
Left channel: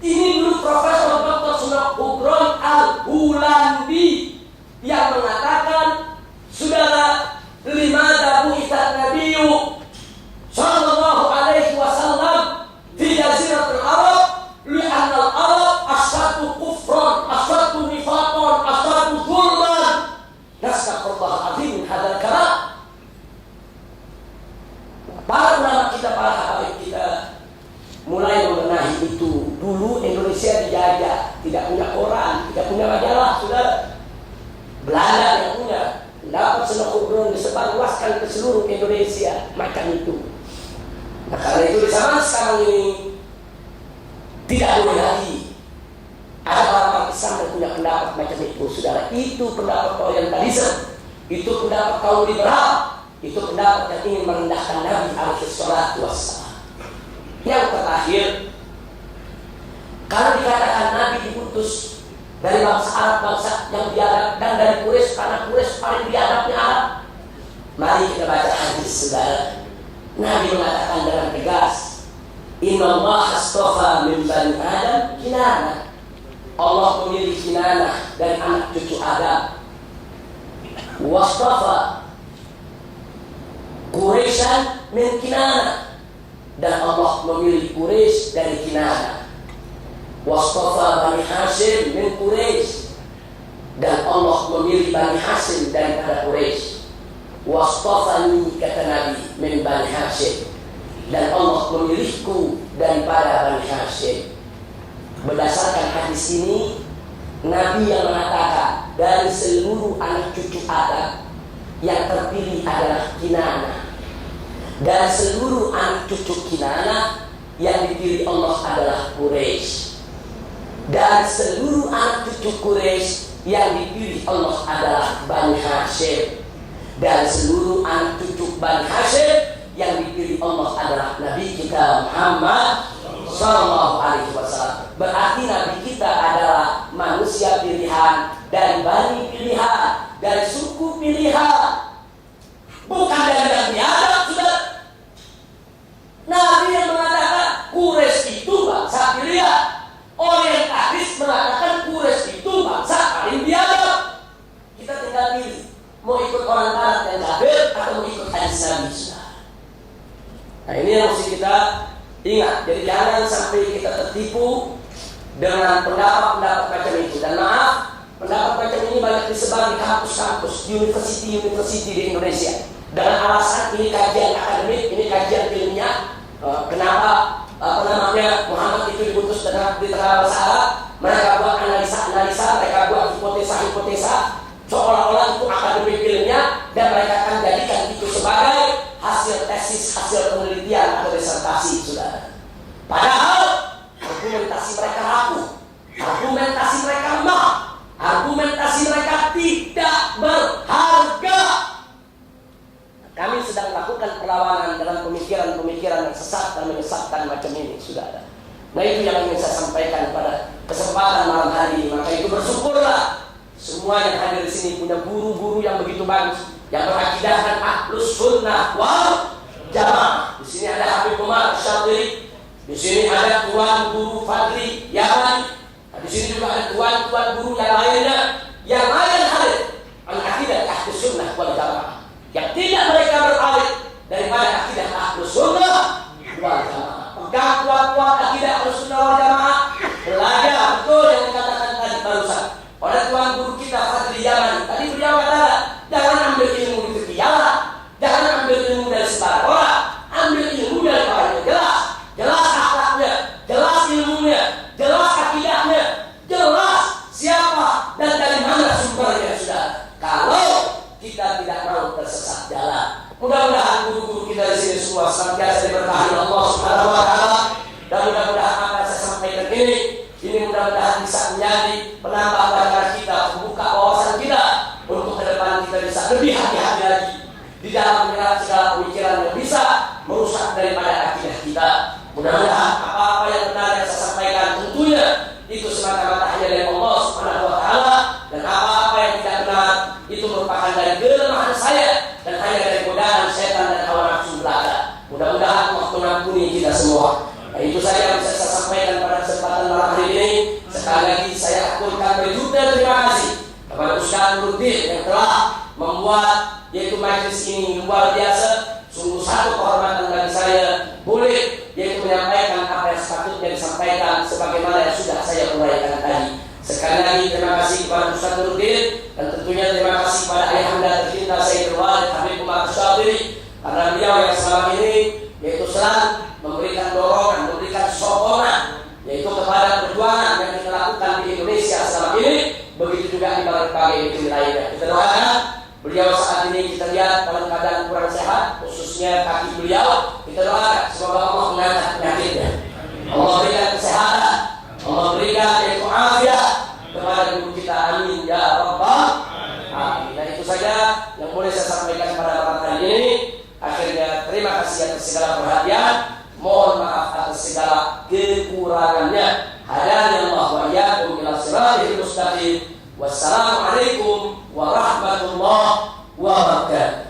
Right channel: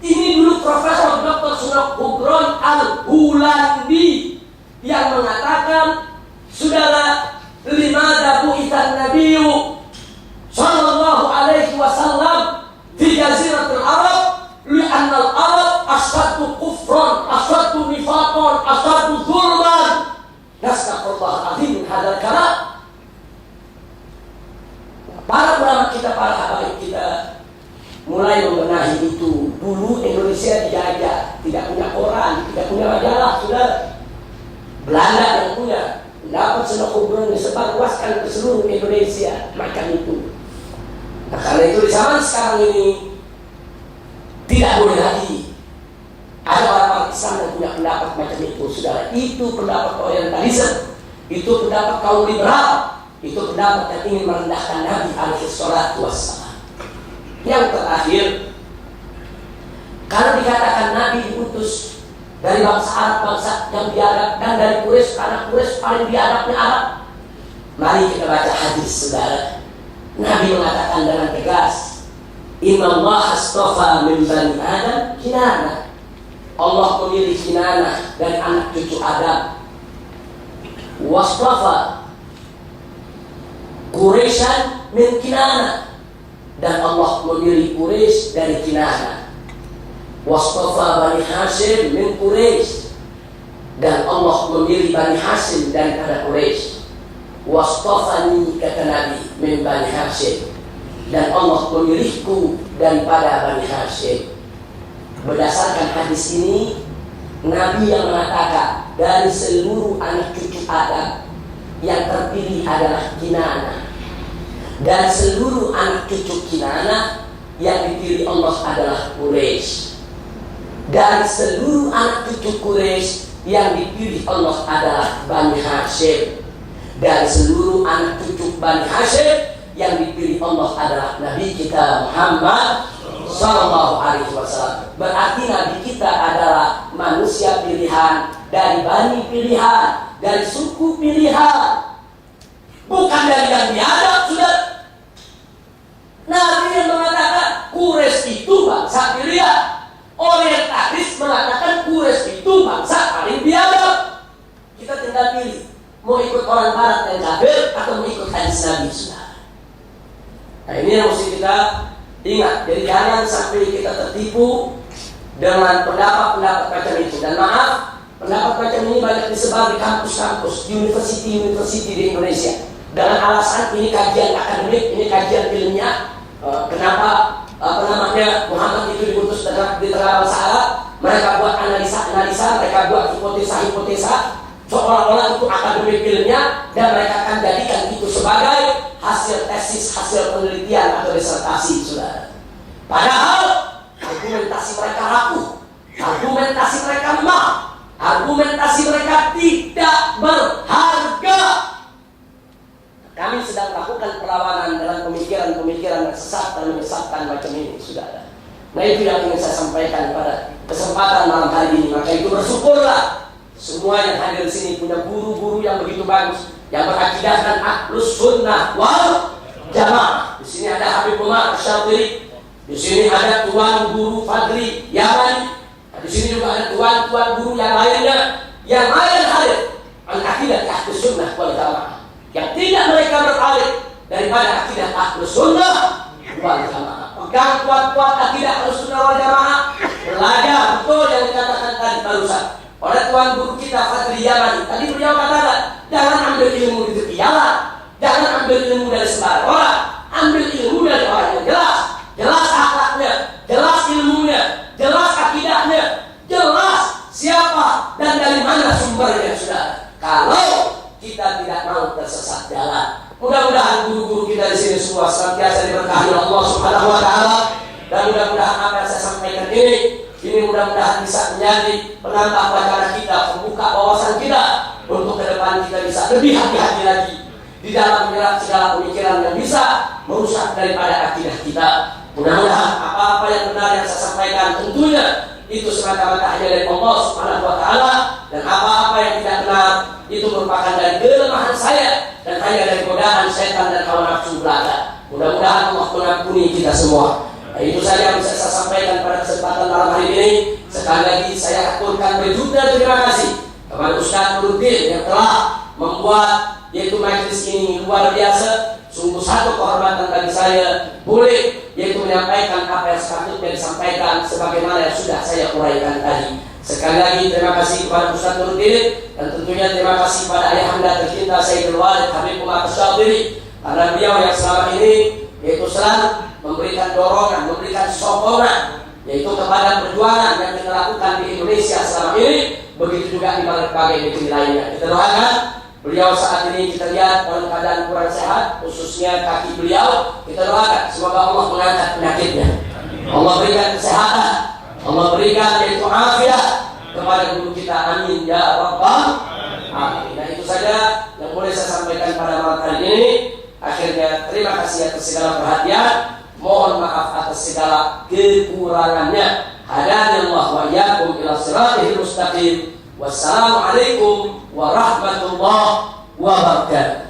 Ini dulu Profesor Dr. Sunop Hugron Al-Hulandi yang mengatakan, saudara, limada bu'ithan nabiyyu sallallahu alaihi wasallam fi jaziratul Arab li'anna al-Arab asyaddu kufran, asyaddu nifaqan, asyaddu zulman. Nastaghfirullah azim min hadzal kalam. Para ulama kita, para habaib kita mulai membenahi itu. Dulu Indonesia dijajah, tidak punya koran, tidak punya majalah, saudara. Belanda yang punya. Dapat Sunop Hugron disebarluaskan ke seluruh Indonesia macam itu. Nah, karena itu di zaman sekarang ini tidak boleh lagi ada orang-orang Islam yang punya pendapat macam itu, saudara. Itu pendapat Orientalisme, itu pendapat kaum liberal, itu pendapat yang ingin merendahkan Nabi alaihi salatu wassalam. Yang terakhir, kalau dikatakan Nabi diutus dari bangsa Arab, bangsa yang biadab, dan dari Quraisy karena Quraisy paling biadabnya Arab, mari kita baca hadis, saudara. Nabi mengatakan dengan tegas, Inna Allah astafa min bani Adam Kinanah. Allah memilih Kinanah dari anak cucu Adam. Wastafa Quraisyan min Kinanah, dan Allah memilih Quraisy dari Kinanah. Wastafa Bani Hashim min Quraisy, dan Allah memilih Bani Hashim daripada Quraisy. Wastafani, kata Nabi, min Bani Hashim, dan Allah memilihku daripada Bani Hashim. Berdasarkan hadis ini, Nabi yang mengatakan dari seluruh anak cucu Adam yang terpilih adalah Kinanah, dan seluruh anak cucu Kinanah yang dipilih Allah adalah Quraisy, dan seluruh anak cucu Quraisy yang dipilih Allah adalah Bani Hashim, dan seluruh anak cucu Bani Hashim yang dipilih Allah adalah Nabi kita Muhammad sallallahu alaihi wasallam. Berarti Nabi kita adalah manusia pilihan, dari bani pilihan, dari suku pilihan, bukan dari yang biadab, sudah. Nabi yang mengatakan Quraisy itu bangsa pilihan. Orientalis mengatakan Quraisy itu bangsa paling biadab. Kita tinggal pilih, mau ikut orang barat yang kafir atau mau ikut hadis Nabi, sudah. Nah, ini yang mesti kita ingat. Jadi jangan sampai kita tertipu dengan pendapat-pendapat macam itu. Dan maaf, pendapat macam ini banyak disebar di kampus-kampus, university di Indonesia, dengan alasan ini kajian akademik, ini kajian ilmiah. Kenapa Muhammad itu diutus di tengah bangsa Arab? Mereka buat analisa-analisa, mereka buat hipotesa-hipotesa, seolah-olah itu akademik ilmiah, dan mereka akan jadikan itu sebagai hasil tesis, hasil penelitian atau disertasi, saudara. Padahal argumentasi mereka rapuh, argumentasi mereka lemah, argumentasi mereka tidak berharga. Kami sedang melakukan perlawanan dalam pemikiran-pemikiran yang sesat dan menyesatkan macam ini, saudara. Nah, itu yang ingin saya sampaikan pada kesempatan malam hari ini. Maka itu bersyukurlah semua yang hadir di sini punya guru-guru yang begitu bagus, yang berakidahkan Ahlus Sunnah wal Jamaah. Di sini ada Habib Umar Syadili, di sini ada Tuan Guru Fadli Yaman, di sini juga ada tuan-tuan guru yang lainnya yang lain hadir al-aqidah Ahlus Sunnah wal Jamaah, yang tidak mereka beralih daripada akidah Ahlus Sunnah wal Jamaah. Pegang kuat-kuat akidah Ahlus Sunnah wal Jamaah, belajar betul yang dikatakan tadi barusan oleh Tuan Guru kita Fadli Yaman. Tadi beliau katakan, jangan ambil ilmu di tepi jalan, jangan ambil ilmu dari sembarang orang, ambil ilmu dari orang yang jelas, jelas akhlaknya, jelas ilmunya, jelas akidahnya. diberkahi Allah Subhanahu wa taala. Dan mudah-mudahan apa yang saya sampaikan ini mudah-mudahan bisa menjadi penambah wacana kita, membuka wawasan kita untuk ke depan kita bisa lebih hati-hati lagi di dalam menyerap segala pemikiran yang bisa merusak daripada akidah kita. Mudah-mudahan apa-apa yang benar yang saya sampaikan tentunya itu semata-mata hanya dari Allah Subhanahu wa taala, dan apa-apa yang tidak benar itu merupakan dari kelemahan saya dan hanya dari godaan setan dan hawa nafsu belaka. Mudah-mudahan Allah mengampuni kita semua. Nah, itu saja yang bisa saya sampaikan pada kesempatan malam hari ini. Sekali lagi saya aturkan berjuta terima kasih kepada Ustaz Nuruddin yang telah membuat yaitu majelis ini luar biasa. Sungguh satu kehormatan bagi saya boleh yaitu menyampaikan apa yang sepatutnya disampaikan sebagaimana yang sudah saya uraikan tadi. Sekali lagi terima kasih kepada Ustaz Nuruddin, dan tentunya terima kasih kepada ayahanda tercinta Sayyidul Walid Habib Umar Syadili, karena beliau yang selama ini yaitu selalu memberikan dorongan, memberikan sokongan yaitu kepada perjuangan yang kita lakukan di Indonesia selama ini, begitu juga di berbagai negeri lainnya. Kita doakan beliau saat ini kita lihat dalam keadaan kurang sehat, khususnya kaki beliau. Kita doakan semoga Allah mengangkat penyakitnya, Allah berikan kesehatan, Allah berikan yaitu afiat kepada guru kita, amin ya rabbal alamin. Dan itu saja yang boleh saya sampaikan pada malam hari ini. Akhirnya terima kasih atas segala perhatian, mohon maaf atas segala kekurangannya. Hadanallahu wa iyyakum ila siratal mustaqim. Wassalamualaikum warahmatullahi wabarakatuh.